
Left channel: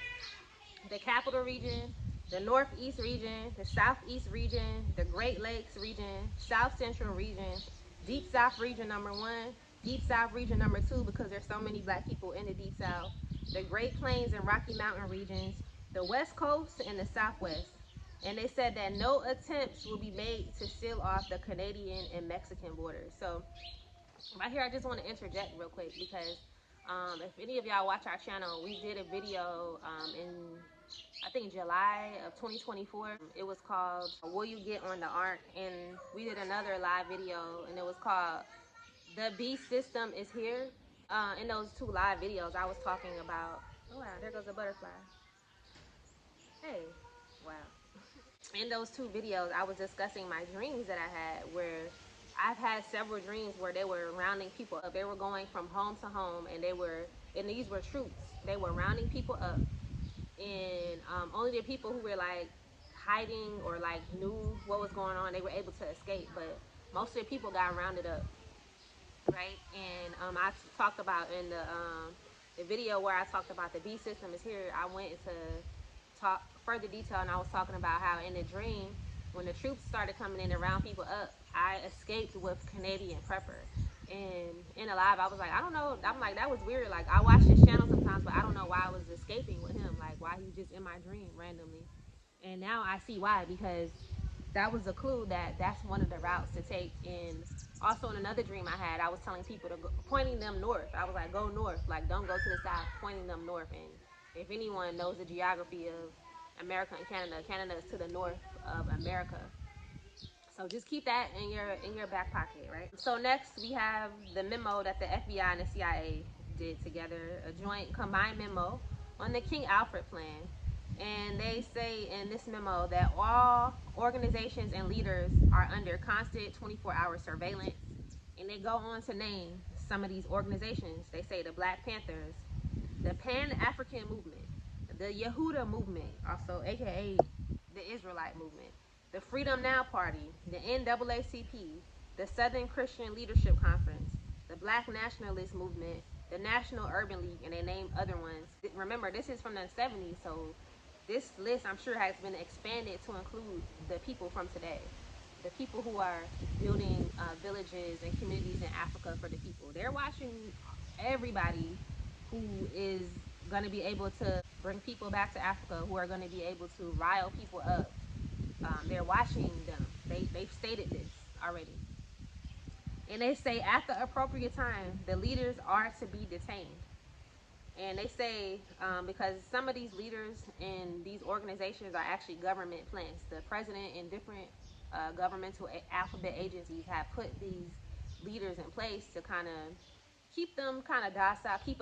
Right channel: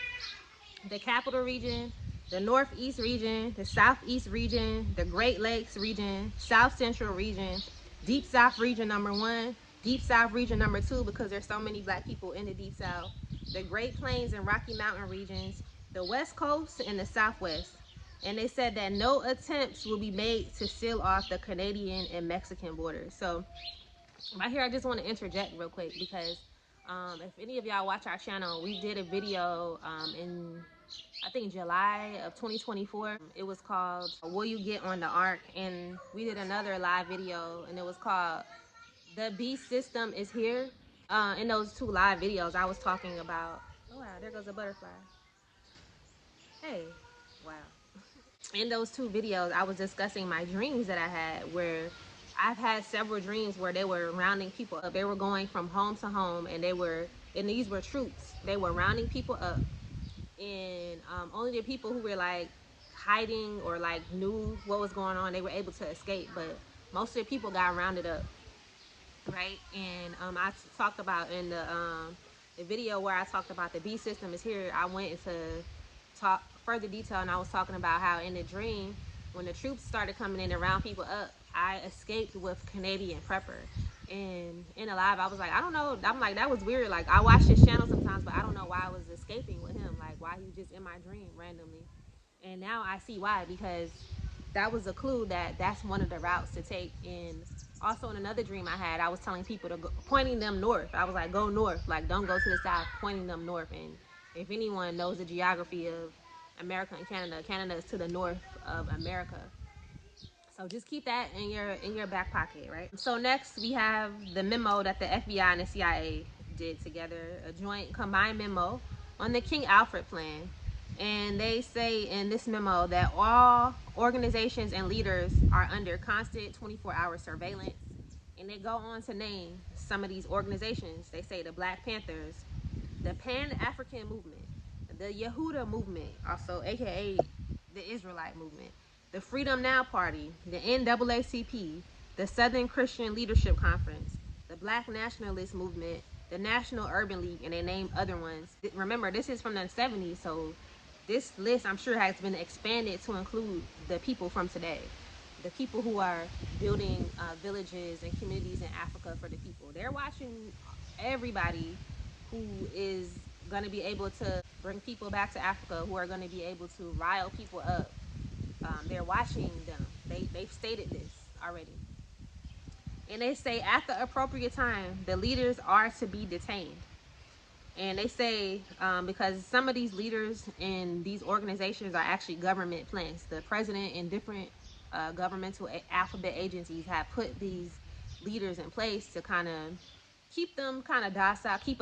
the Capital Region, the Northeast Region, the Southeast Region, the Great Lakes Region, South Central Region, Deep South Region #1, Deep South Region #2 because there's so many black people in the Deep South, the Great Plains and Rocky Mountain regions, the West Coast and the Southwest. And they said that no attempts will be made to seal off the Canadian and Mexican borders. So right here, I just want to interject real quick because if any of y'all watch our channel, we did a video in I think July of 2024. It was called Will You Get on the Ark? And we did another live video and it was called The Beast System is Here. In those two live videos, I was talking about, oh wow, there goes a butterfly. Hey, wow. In those two videos, I was discussing my dreams that I had where I've had several dreams where they were rounding people up. They were going from home to home and these were troops. They were rounding people up and only the people who were like hiding or like knew what was going on, they were able to escape, but most of the people got rounded up, right? And I talked about in the video where I talked about the B system is here, I went into talk further detail and I was talking about how in the dream when the troops started coming in to round people up, I escaped with Canadian Prepper. And in a live, I was like, I don't know. I'm like, that was weird. Like, I watch his channel sometimes, but I don't know why I was escaping with him. Like, why he was just in my dream randomly. And now I see why, because that was a clue that that's one of the routes to take. And also in another dream I had, I was telling people to go, pointing them north. I was like, go north. Like, don't go to the south, pointing them north. And if anyone knows the geography of America and Canada, Canada is to the north of America. So just keep that in your back pocket, right? So next we have the memo that the FBI and the CIA did together, a joint combined memo on the King Alfred plan. And they say in this memo that all organizations and leaders are under constant 24-hour surveillance. And they go on to name some of these organizations. They say the Black Panthers, the Pan-African Movement, the Yehuda Movement, also aka the Israelite Movement, the Freedom Now Party, the NAACP, the Southern Christian Leadership Conference, the Black Nationalist Movement, the National Urban League, and they name other ones. Remember, this is from the 70s, so this list, I'm sure, has been expanded to include the people from today. The people who are building villages and communities in Africa for the people. They're watching everybody who is going to be able to bring people back to Africa, who are going to be able to rile people up. They're watching them. They've stated this already. And they say at the appropriate time, the leaders are to be detained. And they say because some of these leaders in these organizations are actually government plants. The president and different governmental alphabet agencies have put these leaders in place to kind of keep them kind of docile, keep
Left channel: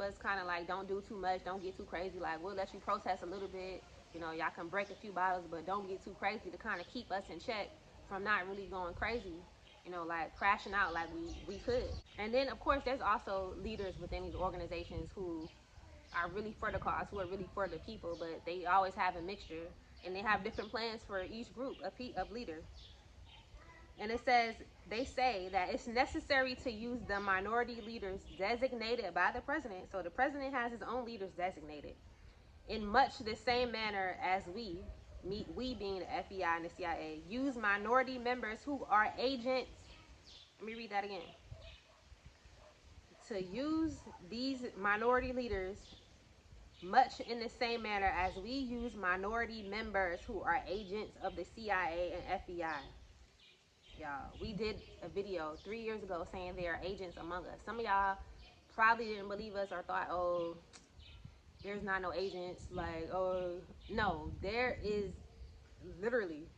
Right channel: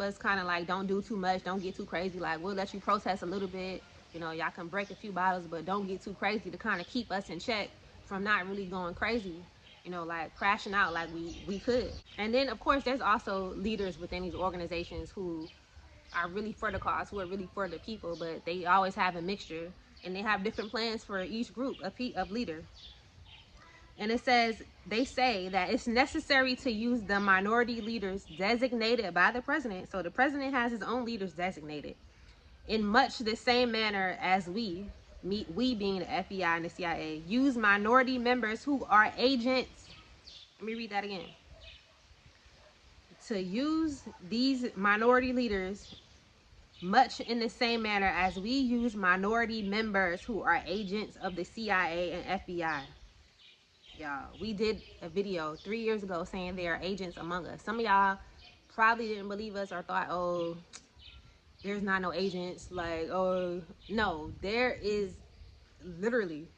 us kind of like don't do too much, don't get too crazy. Like, we'll let you protest a little bit, you know, y'all can break a few bottles, but don't get too crazy, to kind of keep us in check from not really going crazy, you know, like crashing out like we could. And then of course there's also leaders within these organizations who are really for the cause, who are really for the people, but they always have a mixture and they have different plans for each group of leader. And it says, they say that it's necessary to use the minority leaders designated by the president. So the president has his own leaders designated in much the same manner as we being the FBI and the CIA, use minority members who are agents. Let me read that again. To use these minority leaders much in the same manner as we use minority members who are agents of the CIA and FBI. Y'all, we did a video 3 years ago saying they are agents among us. Some of y'all probably didn't believe us or thought, oh, there's not no agents. Like, oh, no, there is literally,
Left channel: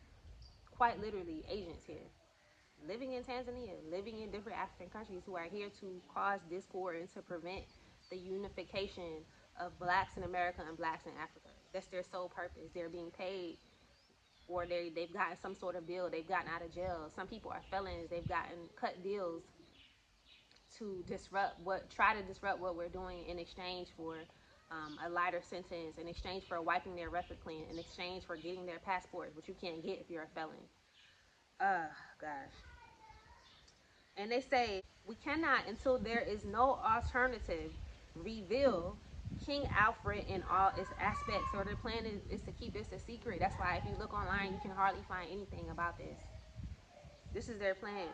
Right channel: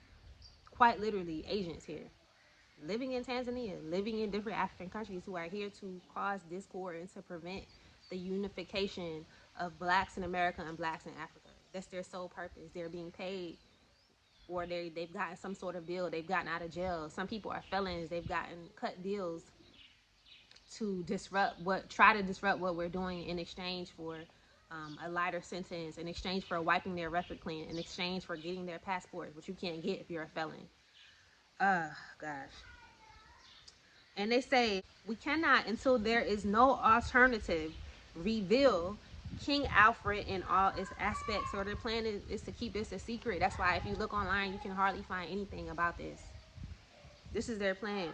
quite literally, agents here. Living in Tanzania, living in different African countries who are here to cause discord and to prevent the unification of blacks in America and blacks in Africa. That's their sole purpose. They're being paid or they've gotten some sort of deal, they've gotten out of jail. Some people are felons, they've gotten cut deals to try to disrupt what we're doing in exchange for a lighter sentence, in exchange for wiping their record clean, in exchange for getting their passport, which you can't get if you're a felon. Gosh. And they say, we cannot, until there is no alternative, reveal King Alfred in all its aspects. So their plan is to keep this a secret. That's why if you look online, you can hardly find anything about this. This is their plan.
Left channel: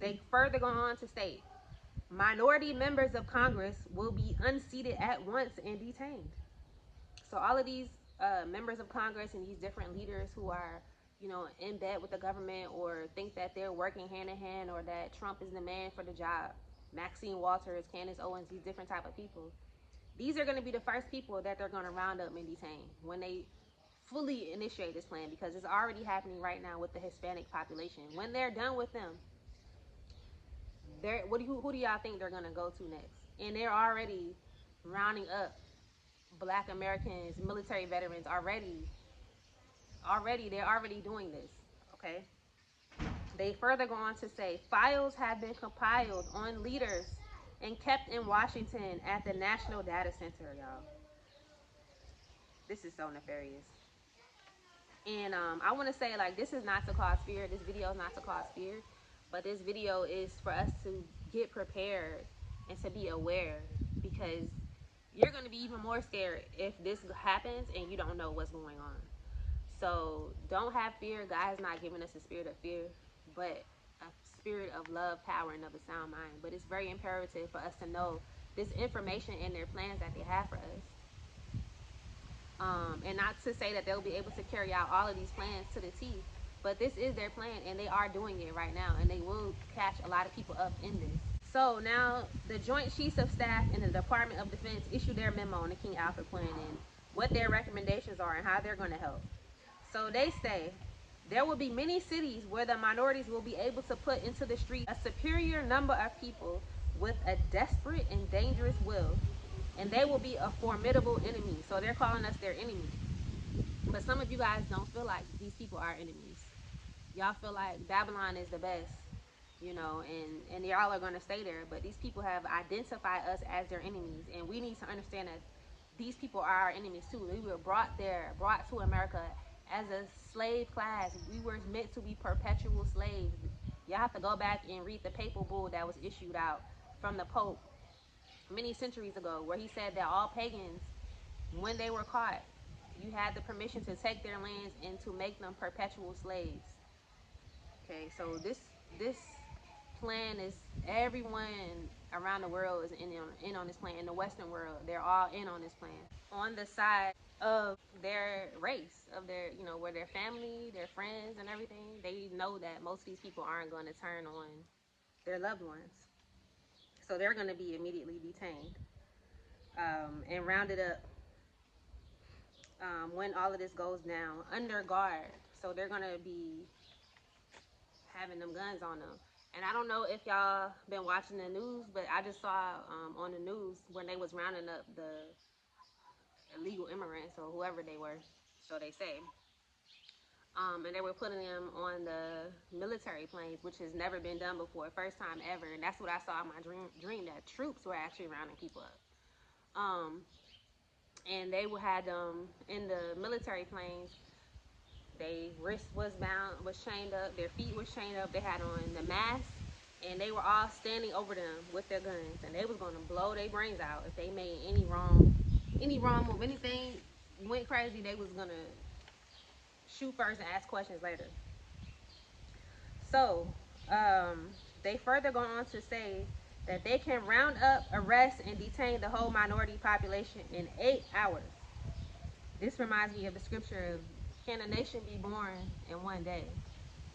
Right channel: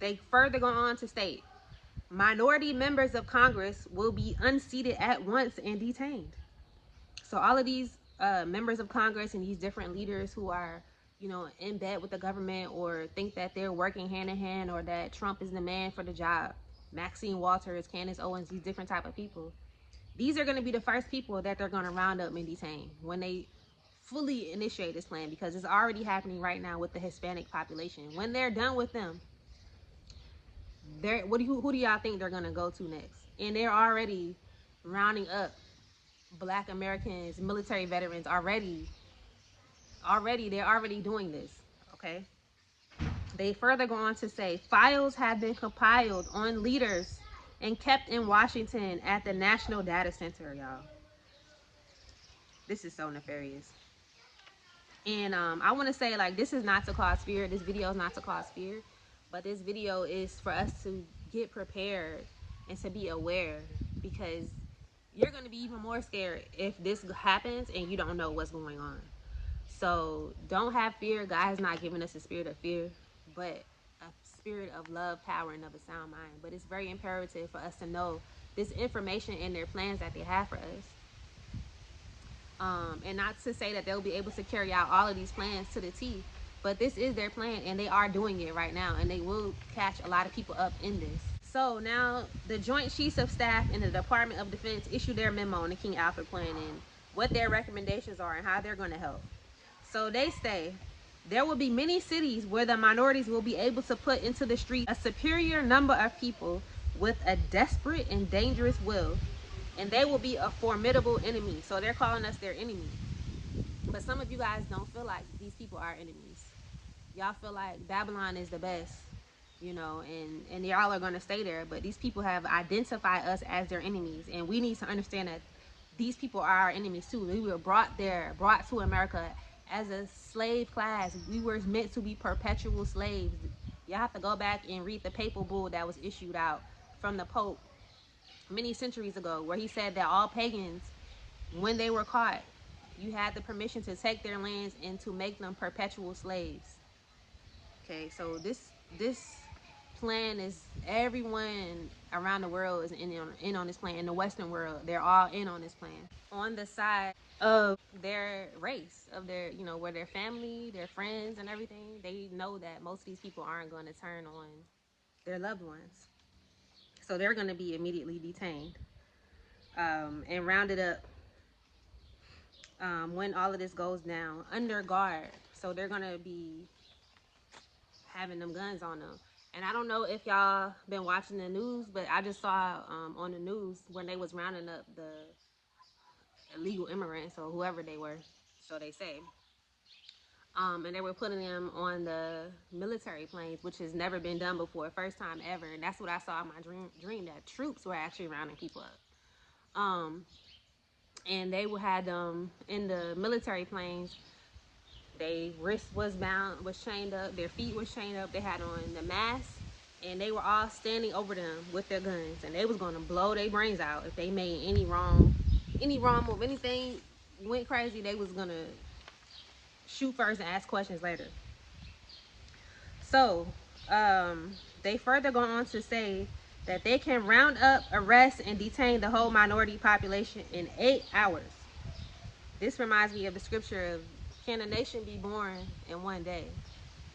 They further go on to state, minority members of Congress will be unseated at once and detained. So all of these members of Congress and these different leaders who are, you know, in bed with the government or think that they're working hand in hand or that Trump is the man for the job, Maxine Waters, Candace Owens, these different type of people, these are going to be the first people that they're going to round up and detain when they fully initiate this plan, because it's already happening right now with the Hispanic population. When they're done with them, who do y'all think they're going to go to next? And they're already rounding up Black Americans, military veterans already. They're already doing this, okay? They further go on to say, files have been compiled on leaders and kept in Washington at the National Data Center, y'all. This is so nefarious. And I want to say, like, this is not to cause fear. This video is not to cause fear. But this video is for us to get prepared and to be aware, because you're going to be even more scared if this happens and you don't know what's going on. So don't have fear. God has not given us a spirit of fear, but a spirit of love, power, and of a sound mind. But it's very imperative for us to know this information and their plans that they have for us. And not to say that they'll be able to carry out all of these plans to the T, but this is their plan and they are doing it right now, and they will catch a lot of people up in this. So now the Joint Chiefs of Staff in the Department of Defense issued their memo on the King Alfred plan and what their recommendations are and how they're going to help. So they say there will be many cities where the minorities will be able to put into the street a superior number of people with a desperate and dangerous will, and they will be a formidable enemy. So they're calling us their enemy. But some of you guys don't feel like these people are enemies. Y'all feel like Babylon is the best, you know, and y'all are going to stay there. But these people have identified us as their enemies, and we need to understand that these people are our enemies too. We were brought to America as a slave class. We were meant to be perpetual slaves. You have to go back and read the papal bull that was issued out from the Pope many centuries ago, where he said that all pagans, when they were caught, you had the permission to take their lands and to make them perpetual slaves. Okay, so this plan is, everyone around the world is in on this plan. In the Western world, they're all in on this plan, on the side of their race, of their, you know, where their family, their friends and everything. They know that most of these people aren't going to turn on their loved ones, so they're going to be immediately detained and rounded up when all of this goes down, under guard. So they're going to be having them guns on them. And I don't know if y'all been watching the news, but I just saw on the news when they was rounding up the illegal immigrants or whoever they were, so they say. And they were putting them on the military planes, which has never been done before, first time ever. And that's what I saw in my dream, that troops were actually rounding people up. And they had them in the military planes. Their wrist was chained up, their feet was chained up, they had on the mask, and they were all standing over them with their guns, and they was gonna blow their brains out if they made any wrong move, anything went crazy. They was gonna shoot first and ask questions later. So they further go on to say that they can round up, arrest, and detain the whole minority population in 8 hours. This reminds me of the scripture of, can a nation be born in one day?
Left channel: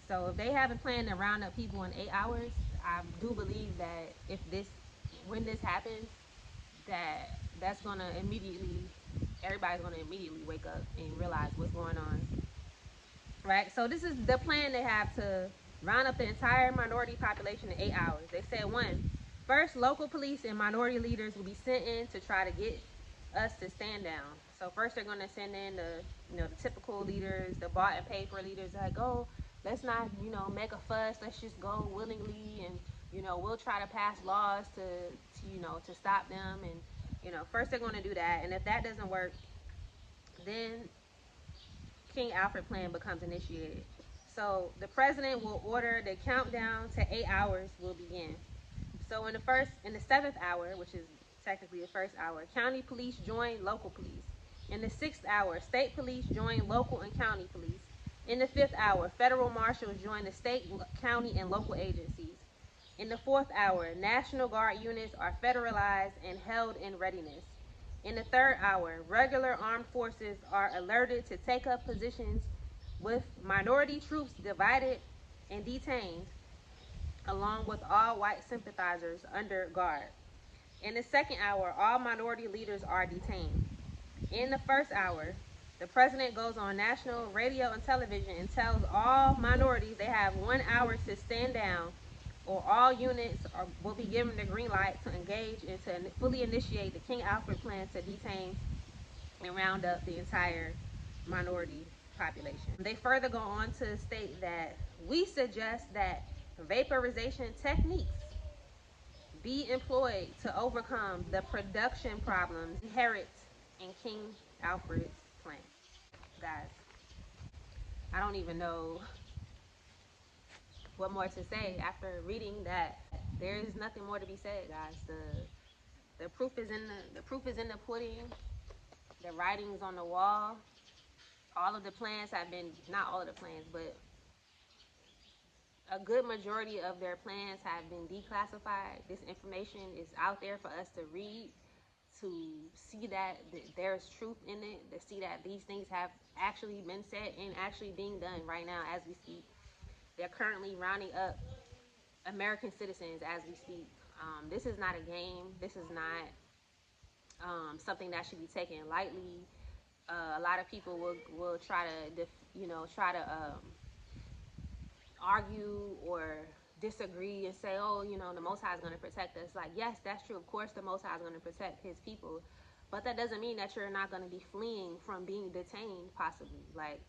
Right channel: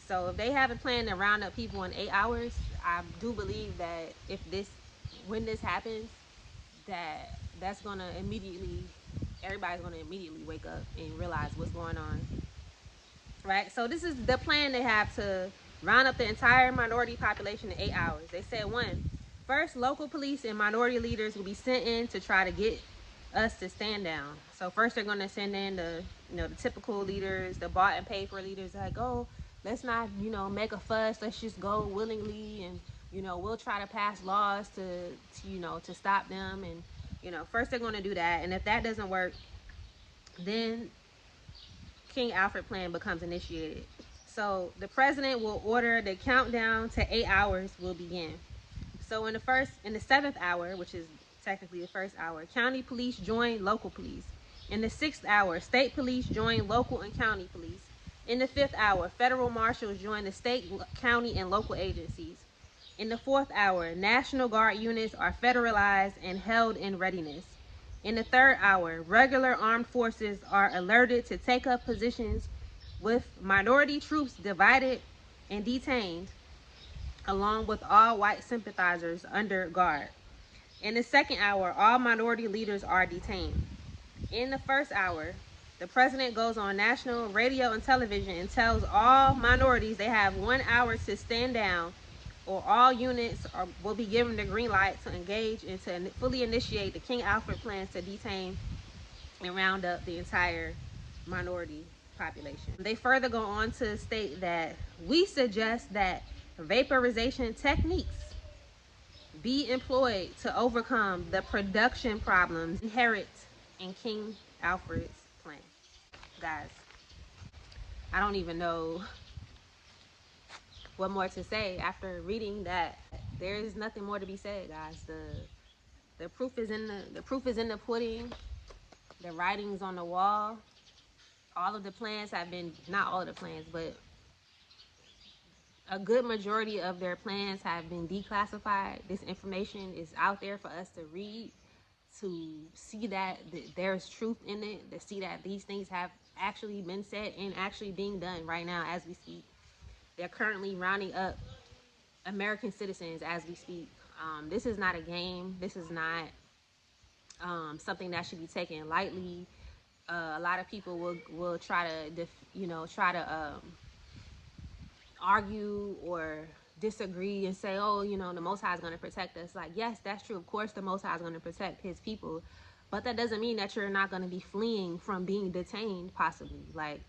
So if they haven't planned to round up people in 8 hours, I do believe that when this happens, that's gonna everybody's gonna immediately wake up and realize what's going on. Right? So this is the plan they have to round up the entire minority population in 8 hours. They said, 1, first, local police and minority leaders will be sent in to try to get us to stand down. So first they're going to send in the, the typical leaders, the bought and paid for leaders, like, oh, let's not, make a fuss. Let's just go willingly, and we'll try to pass laws to stop them. And first they're going to do that, and if that doesn't work, then King Alfred plan becomes initiated. So the president will order the countdown to 8 hours will begin. So in the seventh hour, which is technically the first hour, county police join local police. In the sixth hour, state police join local and county police. In the fifth hour, federal marshals join the state, county, and local agencies. In the fourth hour, National Guard units are federalized and held in readiness. In the third hour, regular armed forces are alerted to take up positions with minority troops divided and detained, along with all white sympathizers under guard. In the second hour, all minority leaders are detained. In the first hour, the president goes on national radio and television and tells all minorities they have 1 hour to stand down, or all units will be given the green light to engage and to fully initiate the King Alfred plan to detain and round up the entire minority population. They further go on to state that we suggest that vaporization techniques be employed to overcome the production problems inherent in King Alfred's plan. Guys, I don't even know what more to say after reading that. There is nothing more to be said, guys. The proof is in the pudding. The writing's on the wall. All of the plans have been, not all of the plans, but a good majority of their plans have been declassified. This information is out there for us to read, to see that there's truth in it, to see that these things have actually been said and actually being done right now as we speak. They're currently rounding up American citizens as we speak. This is not a game. This is not something that should be taken lightly. A lot of people will try to argue or disagree and say, oh, the Most High is going to protect us. Like, yes, that's true. Of course, the Most High is going to protect his people. But that doesn't mean that you're not going to be fleeing from being detained, possibly. Like,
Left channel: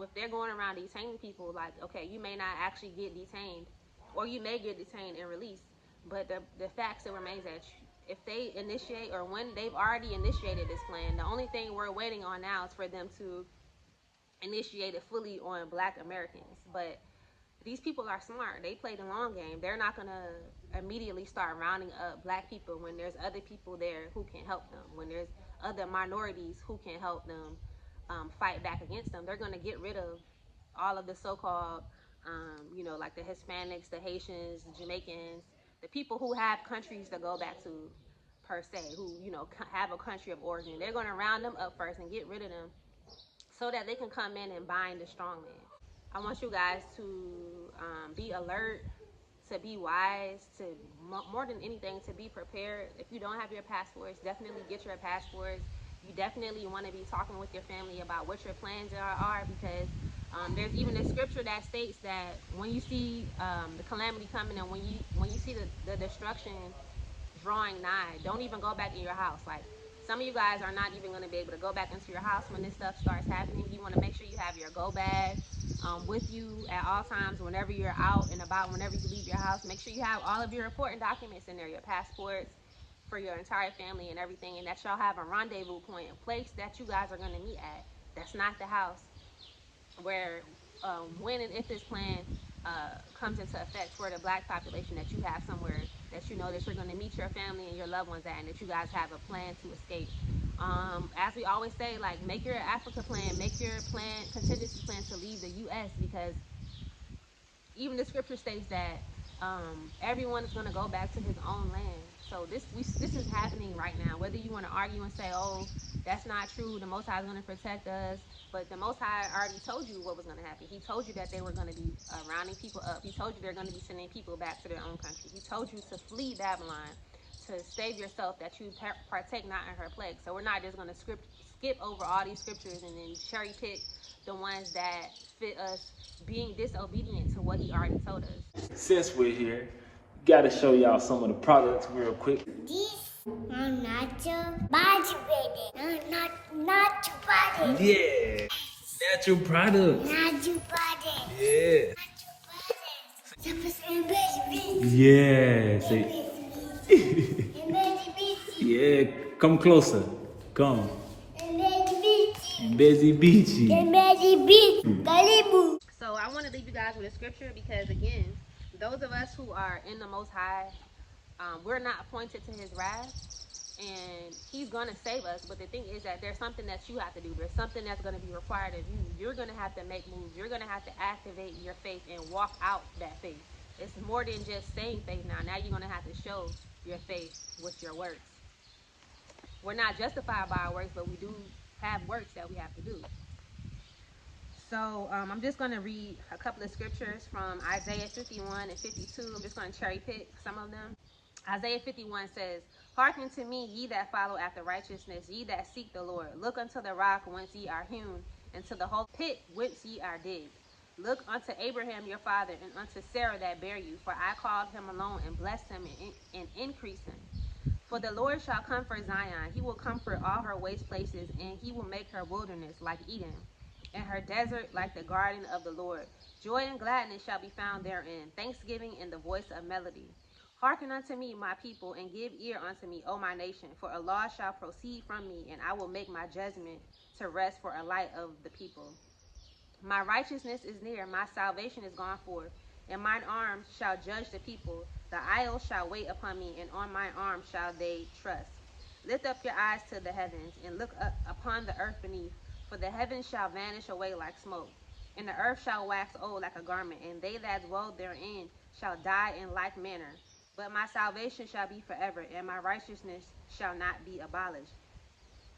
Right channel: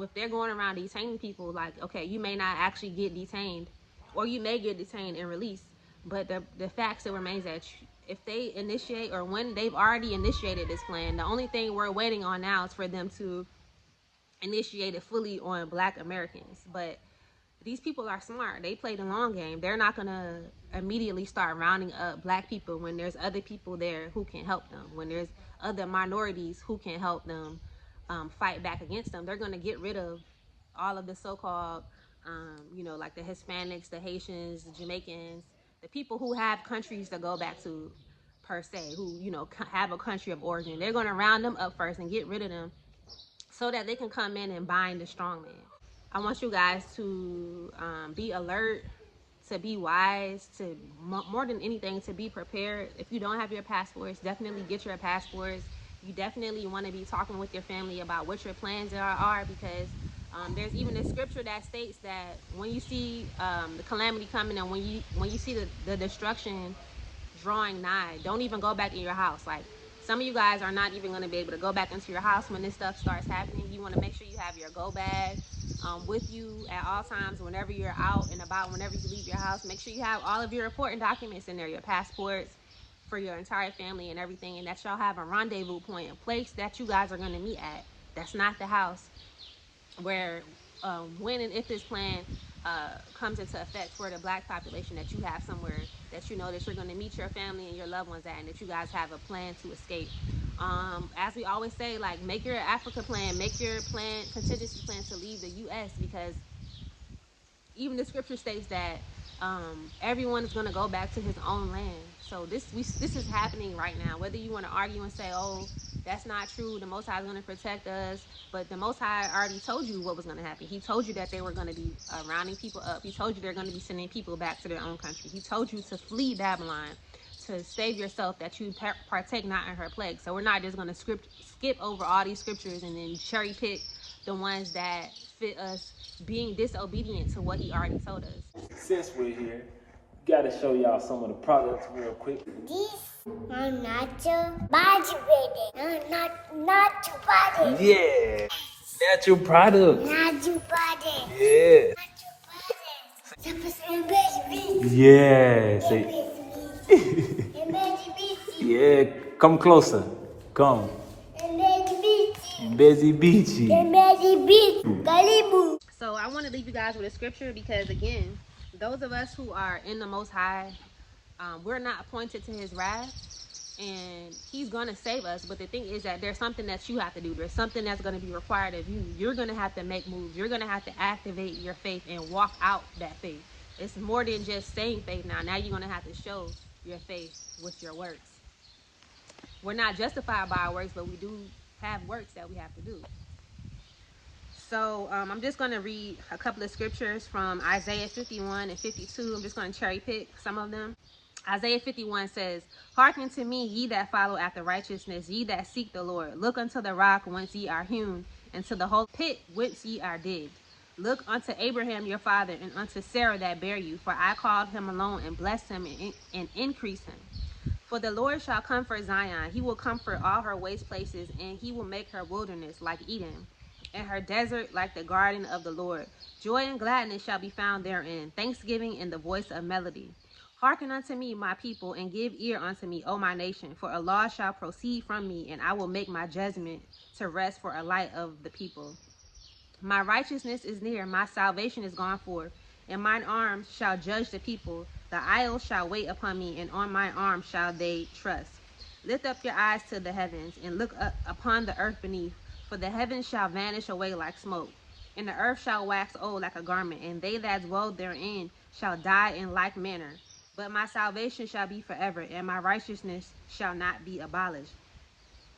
if they're going around detaining people, like, okay, you may not actually get detained, or you may get detained and released. But the fact still remains that if they initiate, or when they've already initiated this plan, the only thing we're waiting on now is for them to initiate it fully on Black Americans. But these people are smart. They play the long game. They're not going to immediately start rounding up Black people when there's other people there who can help them, when there's other minorities who can help them fight back against them. They're going to get rid of all of the so-called, like the Hispanics, the Haitians, the Jamaicans, the people who have countries to go back to, per se, who, have a country of origin. They're going to round them up first and get rid of them so that they can come in and bind the strong man. I want you guys to be alert, to be wise, to more than anything, to be prepared. If you don't have your passports, definitely get your passports. You definitely want to be talking with your family about what your plans are, because there's even a scripture that states that when you see the calamity coming, and when you see the destruction drawing nigh, don't even go back in your house. Like, some of you guys are not even going to be able to go back into your house when this stuff starts happening. You want to make sure you have your go bag with you at all times. Whenever you're out and about, whenever you leave your house, make sure you have all of your important documents in there, your passports for your entire family and everything, and that y'all have a rendezvous point, a place that you guys are going to meet at. That's not the house where when and if this plan comes into effect for the Black population, that you have somewhere that you know that you're going to meet your family and your loved ones at, and that you guys have a plan to escape. As we always say, like, make your Africa plan, make your contingency plan to leave the U.S., because even the scripture states that everyone is going to go back to his own land. So this is happening right now. Whether you want to argue and say, oh, that's not true, the Most High is going to protect us, but the Most High already told you what was going to happen. He told you that they were going to be rounding people up. He told you they're going to be sending people back to their own country. He told you to flee Babylon, to save yourself, that you partake not in her plague. So we're not just going to skip over all these scriptures and then cherry pick the ones that fit us being disobedient to what he already told us. Since we're here, Gotta show y'all some of the products real quick. This natural body ready. Natural body. Yeah, natural products. Natural body. Yeah. Natural body. Yeah. Say, yeah. Come closer. Come. Busy beachy. So I want to leave you guys with a scripture because, again, those of us who are in the Most High, we're not appointed to his wrath, and he's going to save us. But the thing is that there's something that you have to do. There's something that's going to be required of you. You're going to have to make moves. You're going to have to activate your faith and walk out that faith. It's more than just saying faith now. Now you're going to have to show your faith with your works. We're not justified by our works, but we do have works that we have to do. So I'm just going to read a couple of scriptures from Isaiah 51 and 52. I'm just going to cherry pick some of them. Isaiah 51 says, "Hearken to me, ye that follow after righteousness, ye that seek the Lord. Look unto the rock whence ye are hewn, and to the whole pit whence ye are digged. Look unto Abraham your father, and unto Sarah that bare you. For I called him alone, and blessed him, and increased him. For the Lord shall comfort Zion. He will comfort all her waste places, and he will make her wilderness like Eden, and her desert like the garden of the Lord. Joy and gladness shall be found therein, thanksgiving and the voice of melody. Hearken unto me, my people, and give ear unto me, O my nation. For a law shall proceed from me, and I will make my judgment to rest for a light of the people. My righteousness is near, my salvation is gone forth, and mine arm shall judge the people. The isles shall wait upon me, and on my arm shall they trust. Lift up your eyes to the heavens, and look up upon the earth beneath, for the heavens shall vanish away like smoke, and the earth shall wax old like a garment, and they that dwell therein shall die in like manner. But my salvation shall be forever, and my righteousness shall not be abolished.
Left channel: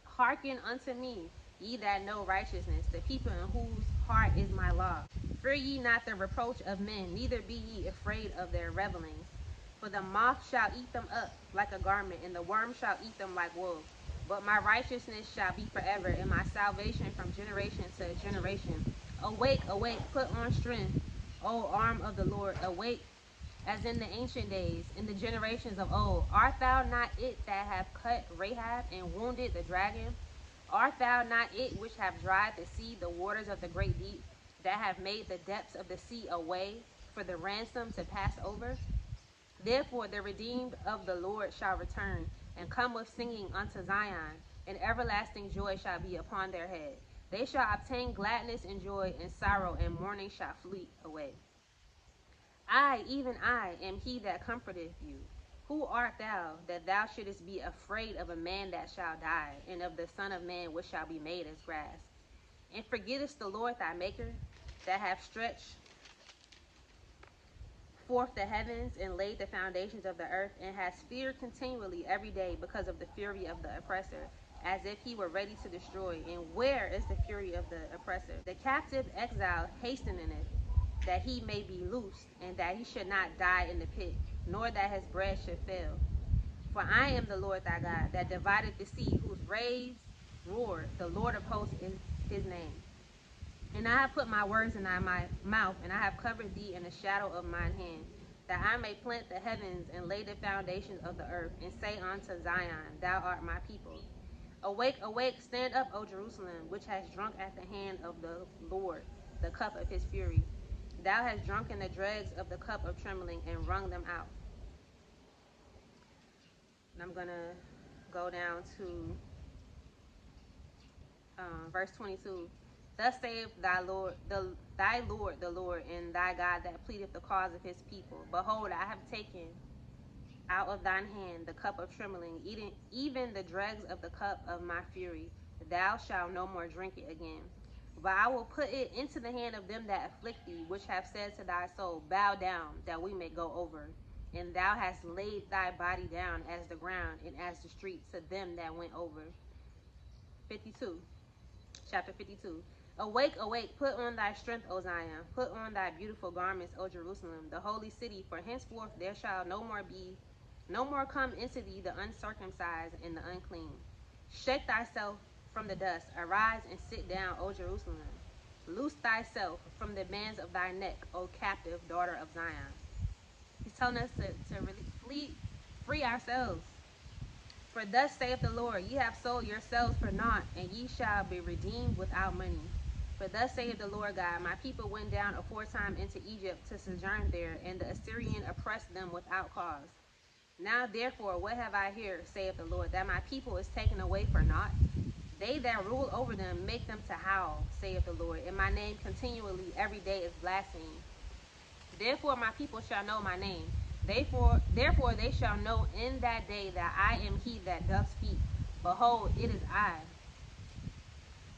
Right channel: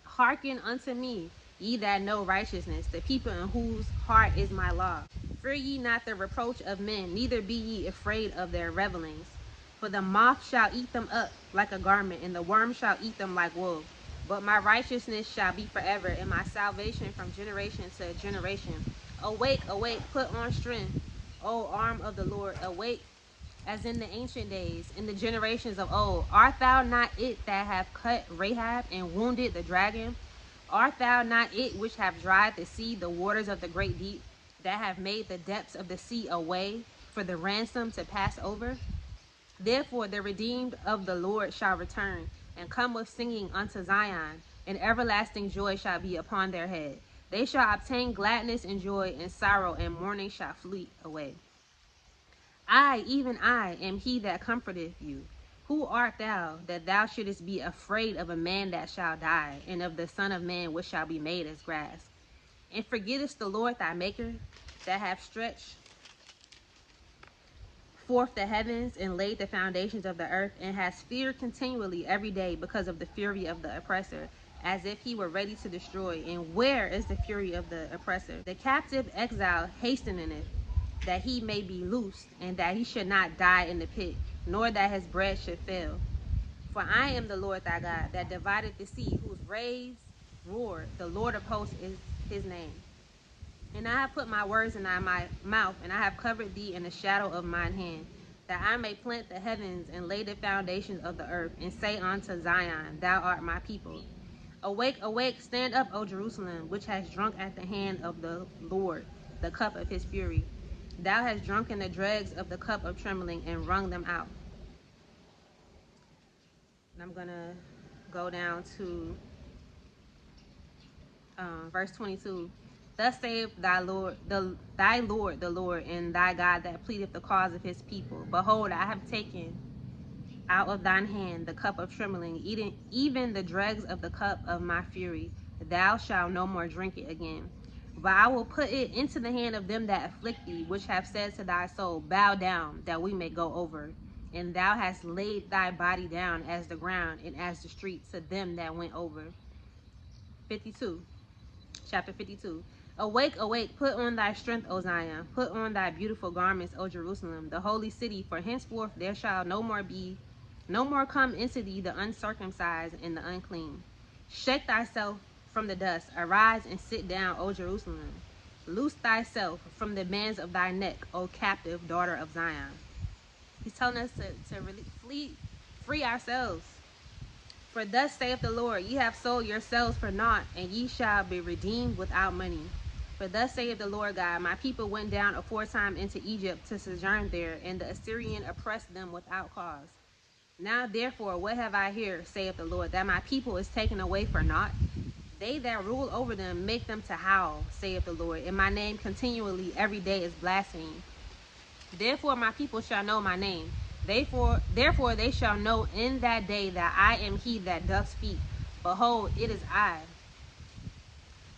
Hearken unto me, ye that know righteousness, the people in whose heart is my law. Fear ye not the reproach of men, neither be ye afraid of their revelings. For the moth shall eat them up like a garment, and the worm shall eat them like wool. But my righteousness shall be forever, and my salvation from generation to generation. Awake, awake, put on strength, O arm of the Lord. Awake, as in the ancient days, in the generations of old. Art thou not it that have cut Rahab and wounded the dragon? Art thou not it which have dried the sea, the waters of the great deep, that have made the depths of the sea a way for the ransom to pass over? Therefore the redeemed of the Lord shall return, and come with singing unto Zion, and everlasting joy shall be upon their head. They shall obtain gladness and joy, and sorrow and mourning shall flee away. I, even I, am he that comforteth you. Who art thou, that thou shouldest be afraid of a man that shall die, and of the Son of Man which shall be made as grass? And forgettest the Lord thy Maker, that hath stretched forth the heavens, and laid the foundations of the earth, and has feared continually every day because of the fury of the oppressor, as if he were ready to destroy. And where is the fury of the oppressor? The captive exile hasteneth, that he may be loosed, and that he should not die in the pit, nor that his bread should fail. For I am the Lord thy God, that divided the sea, whose waves roar. The Lord of hosts is his name. And I have put my words in thy mouth, and I have covered thee in the shadow of mine hand, that I may plant the heavens and lay the foundations of the earth, and say unto Zion, thou art my people. Awake, awake, stand up, O Jerusalem, which has drunk at the hand of the Lord the cup of his fury. Thou hast drunken the dregs of the cup of trembling, and wrung them out. And I'm going to go down to verse 22. Thus saith thy Lord, the Lord, and thy God that pleadeth the cause of his people. Behold, I have taken out of thine hand the cup of trembling, even the dregs of the cup of my fury. Thou shalt no more drink it again. But I will put it into the hand of them that afflict thee, which have said to thy soul, bow down, that we may go over. And thou hast laid thy body down as the ground, and as the street to them that went over. 52. Chapter 52. Awake, awake, put on thy strength, O Zion. Put on thy beautiful garments, O Jerusalem, the holy city. For henceforth there shall no more come into thee the uncircumcised and the unclean. Shake thyself from the dust. Arise and sit down, O Jerusalem. Loose thyself from the bands of thy neck, O captive daughter of Zion. He's telling us to really free ourselves. For thus saith the Lord, ye have sold yourselves for naught, and ye shall be redeemed without money. For thus saith the Lord God, my people went down aforetime into Egypt to sojourn there, and the Assyrian oppressed them without cause. Now therefore, what have I here, saith the Lord, that my people is taken away for naught? They that rule over them make them to howl, saith the Lord, and my name continually every day is blasphemed. Therefore my people shall know my name. Therefore they shall know in that day that I am he that doth speak. Behold, it is I.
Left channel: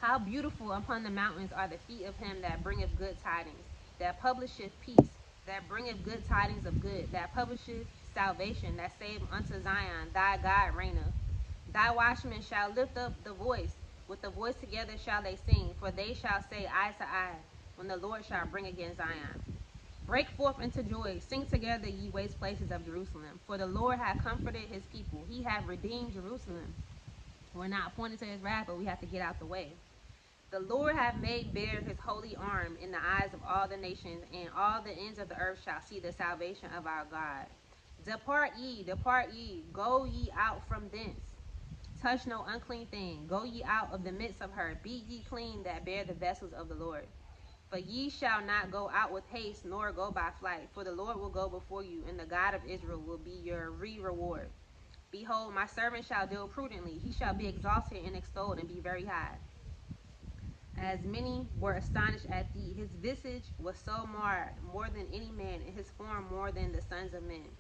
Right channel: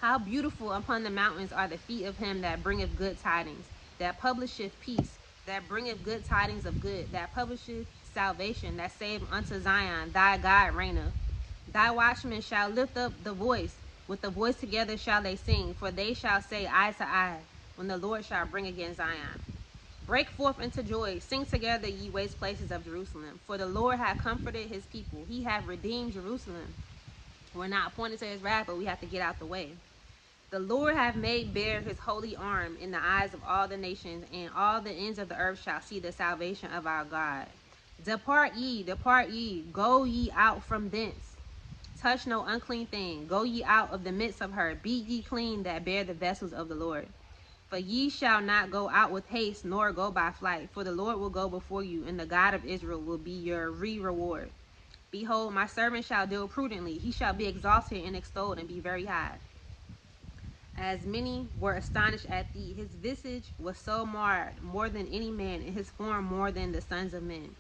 How beautiful upon the mountains are the feet of him that bringeth good tidings, that publisheth peace, that bringeth good tidings of good, that publisheth salvation, that saveth unto Zion, thy God reigneth. Thy watchmen shall lift up the voice, with the voice together shall they sing, for they shall say eye to eye, when the Lord shall bring again Zion. Break forth into joy, sing together, ye waste places of Jerusalem, for the Lord hath comforted his people, he hath redeemed Jerusalem. We're not appointed to his wrath, but we have to get out the way. The Lord hath made bare his holy arm in the eyes of all the nations, and all the ends of the earth shall see the salvation of our God. Depart ye, go ye out from thence. Touch no unclean thing, go ye out of the midst of her. Be ye clean that bear the vessels of the Lord. For ye shall not go out with haste, nor go by flight, for the Lord will go before you, and the God of Israel will be your reward. Behold, my servant shall deal prudently, he shall be exalted and extolled, and be very high. As many were astonished at thee, his visage was so marred, more than any man, and his form more than the sons of men.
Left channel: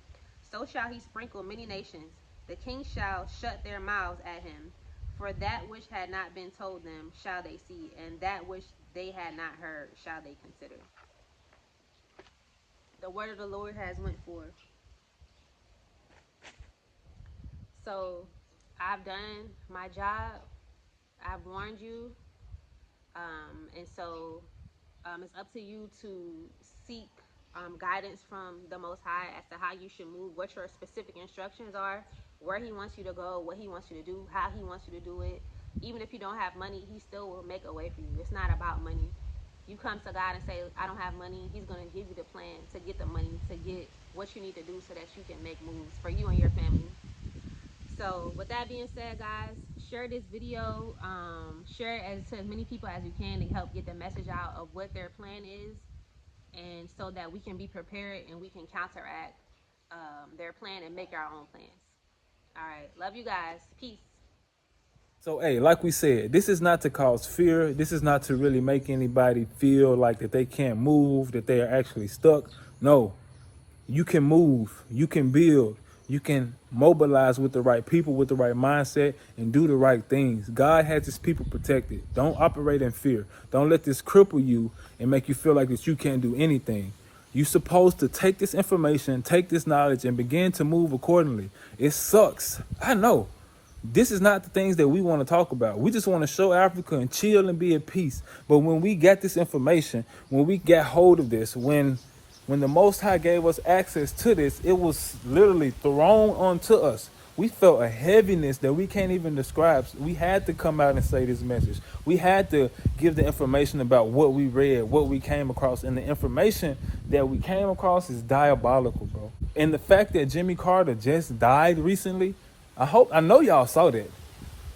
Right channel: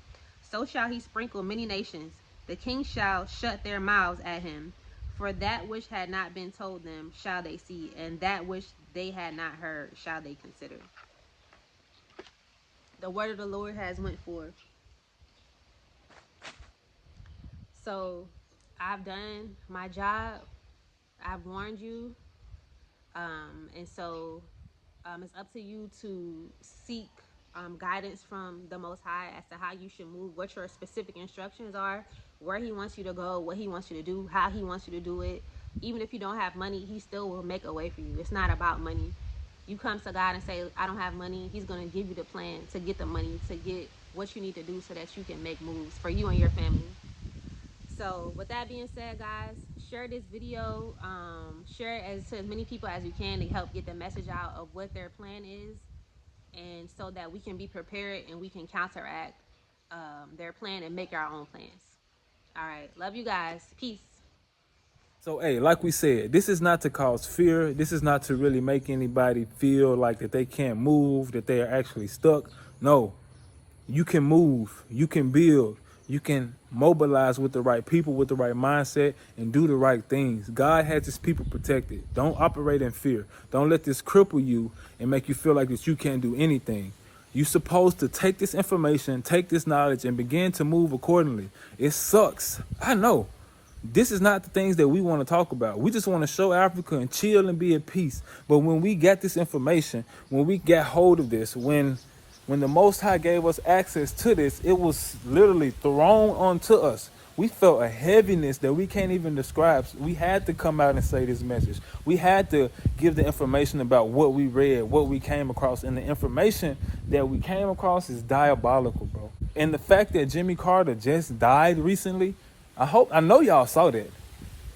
So shall he sprinkle many nations. The kings shall shut their mouths at him. For that which had not been told them shall they see, and that which they had not heard shall they consider. The word of the Lord has went forth. So I've done my job. I've warned you. And so it's up to you to seek guidance from the Most High as to how you should move, what your specific instructions are, where he wants you to go, what he wants you to do, how he wants you to do it. Even if you don't have money, he still will make a way for you. It's not about money. You come to God and say, I don't have money. He's going to give you the plan to get the money, to get what you need to do so that you can make moves for you and your family. So with that being said, guys, share this video, share it to as many people as you can to help get the message out of what their plan is, and so that we can be prepared and we can counteract their plan and make our own plans. All right, love you guys. Peace. So, hey, like we said, this is not to cause fear. This is not to really make anybody feel like that they can't move, that they are actually stuck. No, you can move, you can build, you can mobilize with the right people, with the right mindset, and do the right things. God has his people protected. Don't operate in fear. Don't let this cripple you and make you feel like that you can't do anything. You're supposed to take this information, take this knowledge, and begin to move accordingly. It sucks. I know. This is not the things that we want to talk about. We just want to show Africa and chill and be at peace. But when we got this information, when we got hold of this, when the Most High gave us access to this, it was literally thrown onto us. We felt a heaviness that we can't even describe. We had to come out and say this message. We had to give the information about what we read, what we came across. And the information that we came across is diabolical, bro. And the fact that Jimmy Carter just died recently, I know y'all saw that.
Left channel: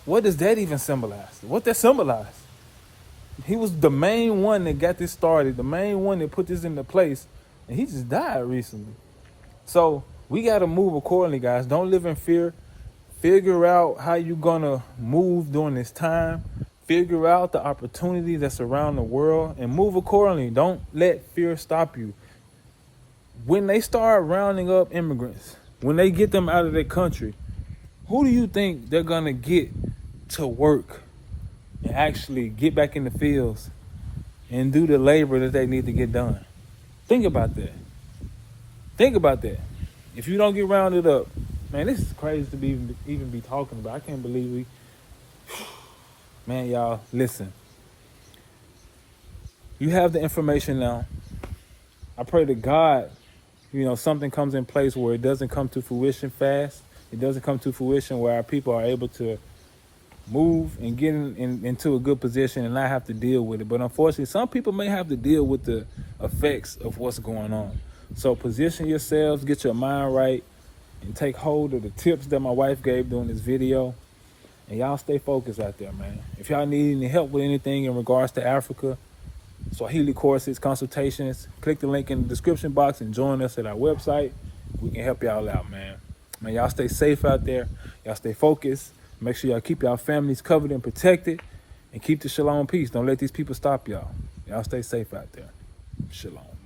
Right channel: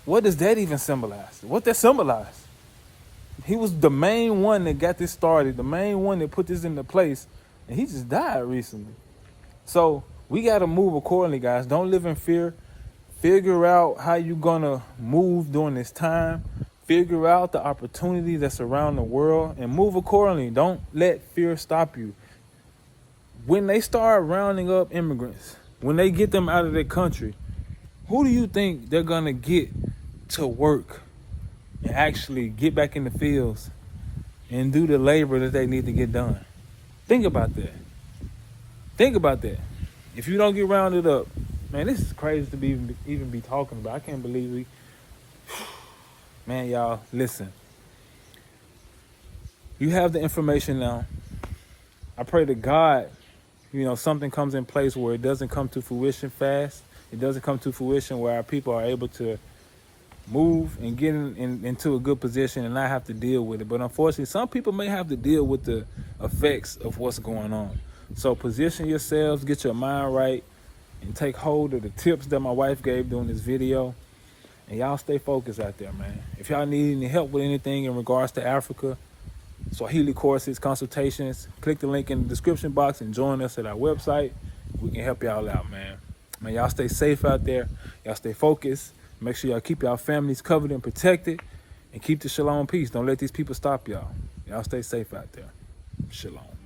What does that even symbolize? What that symbolize? He was the main one that got this started, the main one that put this into place, and he just died recently. So we got to move accordingly, guys. Don't live in fear. Figure out how you're going to move during this time. Figure out the opportunities that's around the world and move accordingly. Don't let fear stop you. When they start rounding up immigrants, when they get them out of their country, who do you think they're going to get to work and actually get back in the fields and do the labor that they need to get done? Think about that. Think about that. If you don't get rounded up, man, this is crazy to even be talking about. I can't believe we... Man, y'all, listen. You have the information now. I pray to God, something comes in place where it doesn't come to fruition fast. It doesn't come to fruition where our people are able to move and get into a good position and not have to deal with it. But unfortunately, some people may have to deal with the effects of what's going on. So position yourselves, get your mind right, and take hold of the tips that my wife gave during this video. And y'all stay focused out there, man. If y'all need any help with anything in regards to Africa, Swahili courses, consultations, click the link in the description box and join us at our website. We can help y'all out, man. Man, y'all stay safe out there. Y'all stay focused. Make sure y'all keep y'all families covered and protected, and keep the shalom peace. Don't let these people stop y'all. Y'all stay safe out there. Shalom.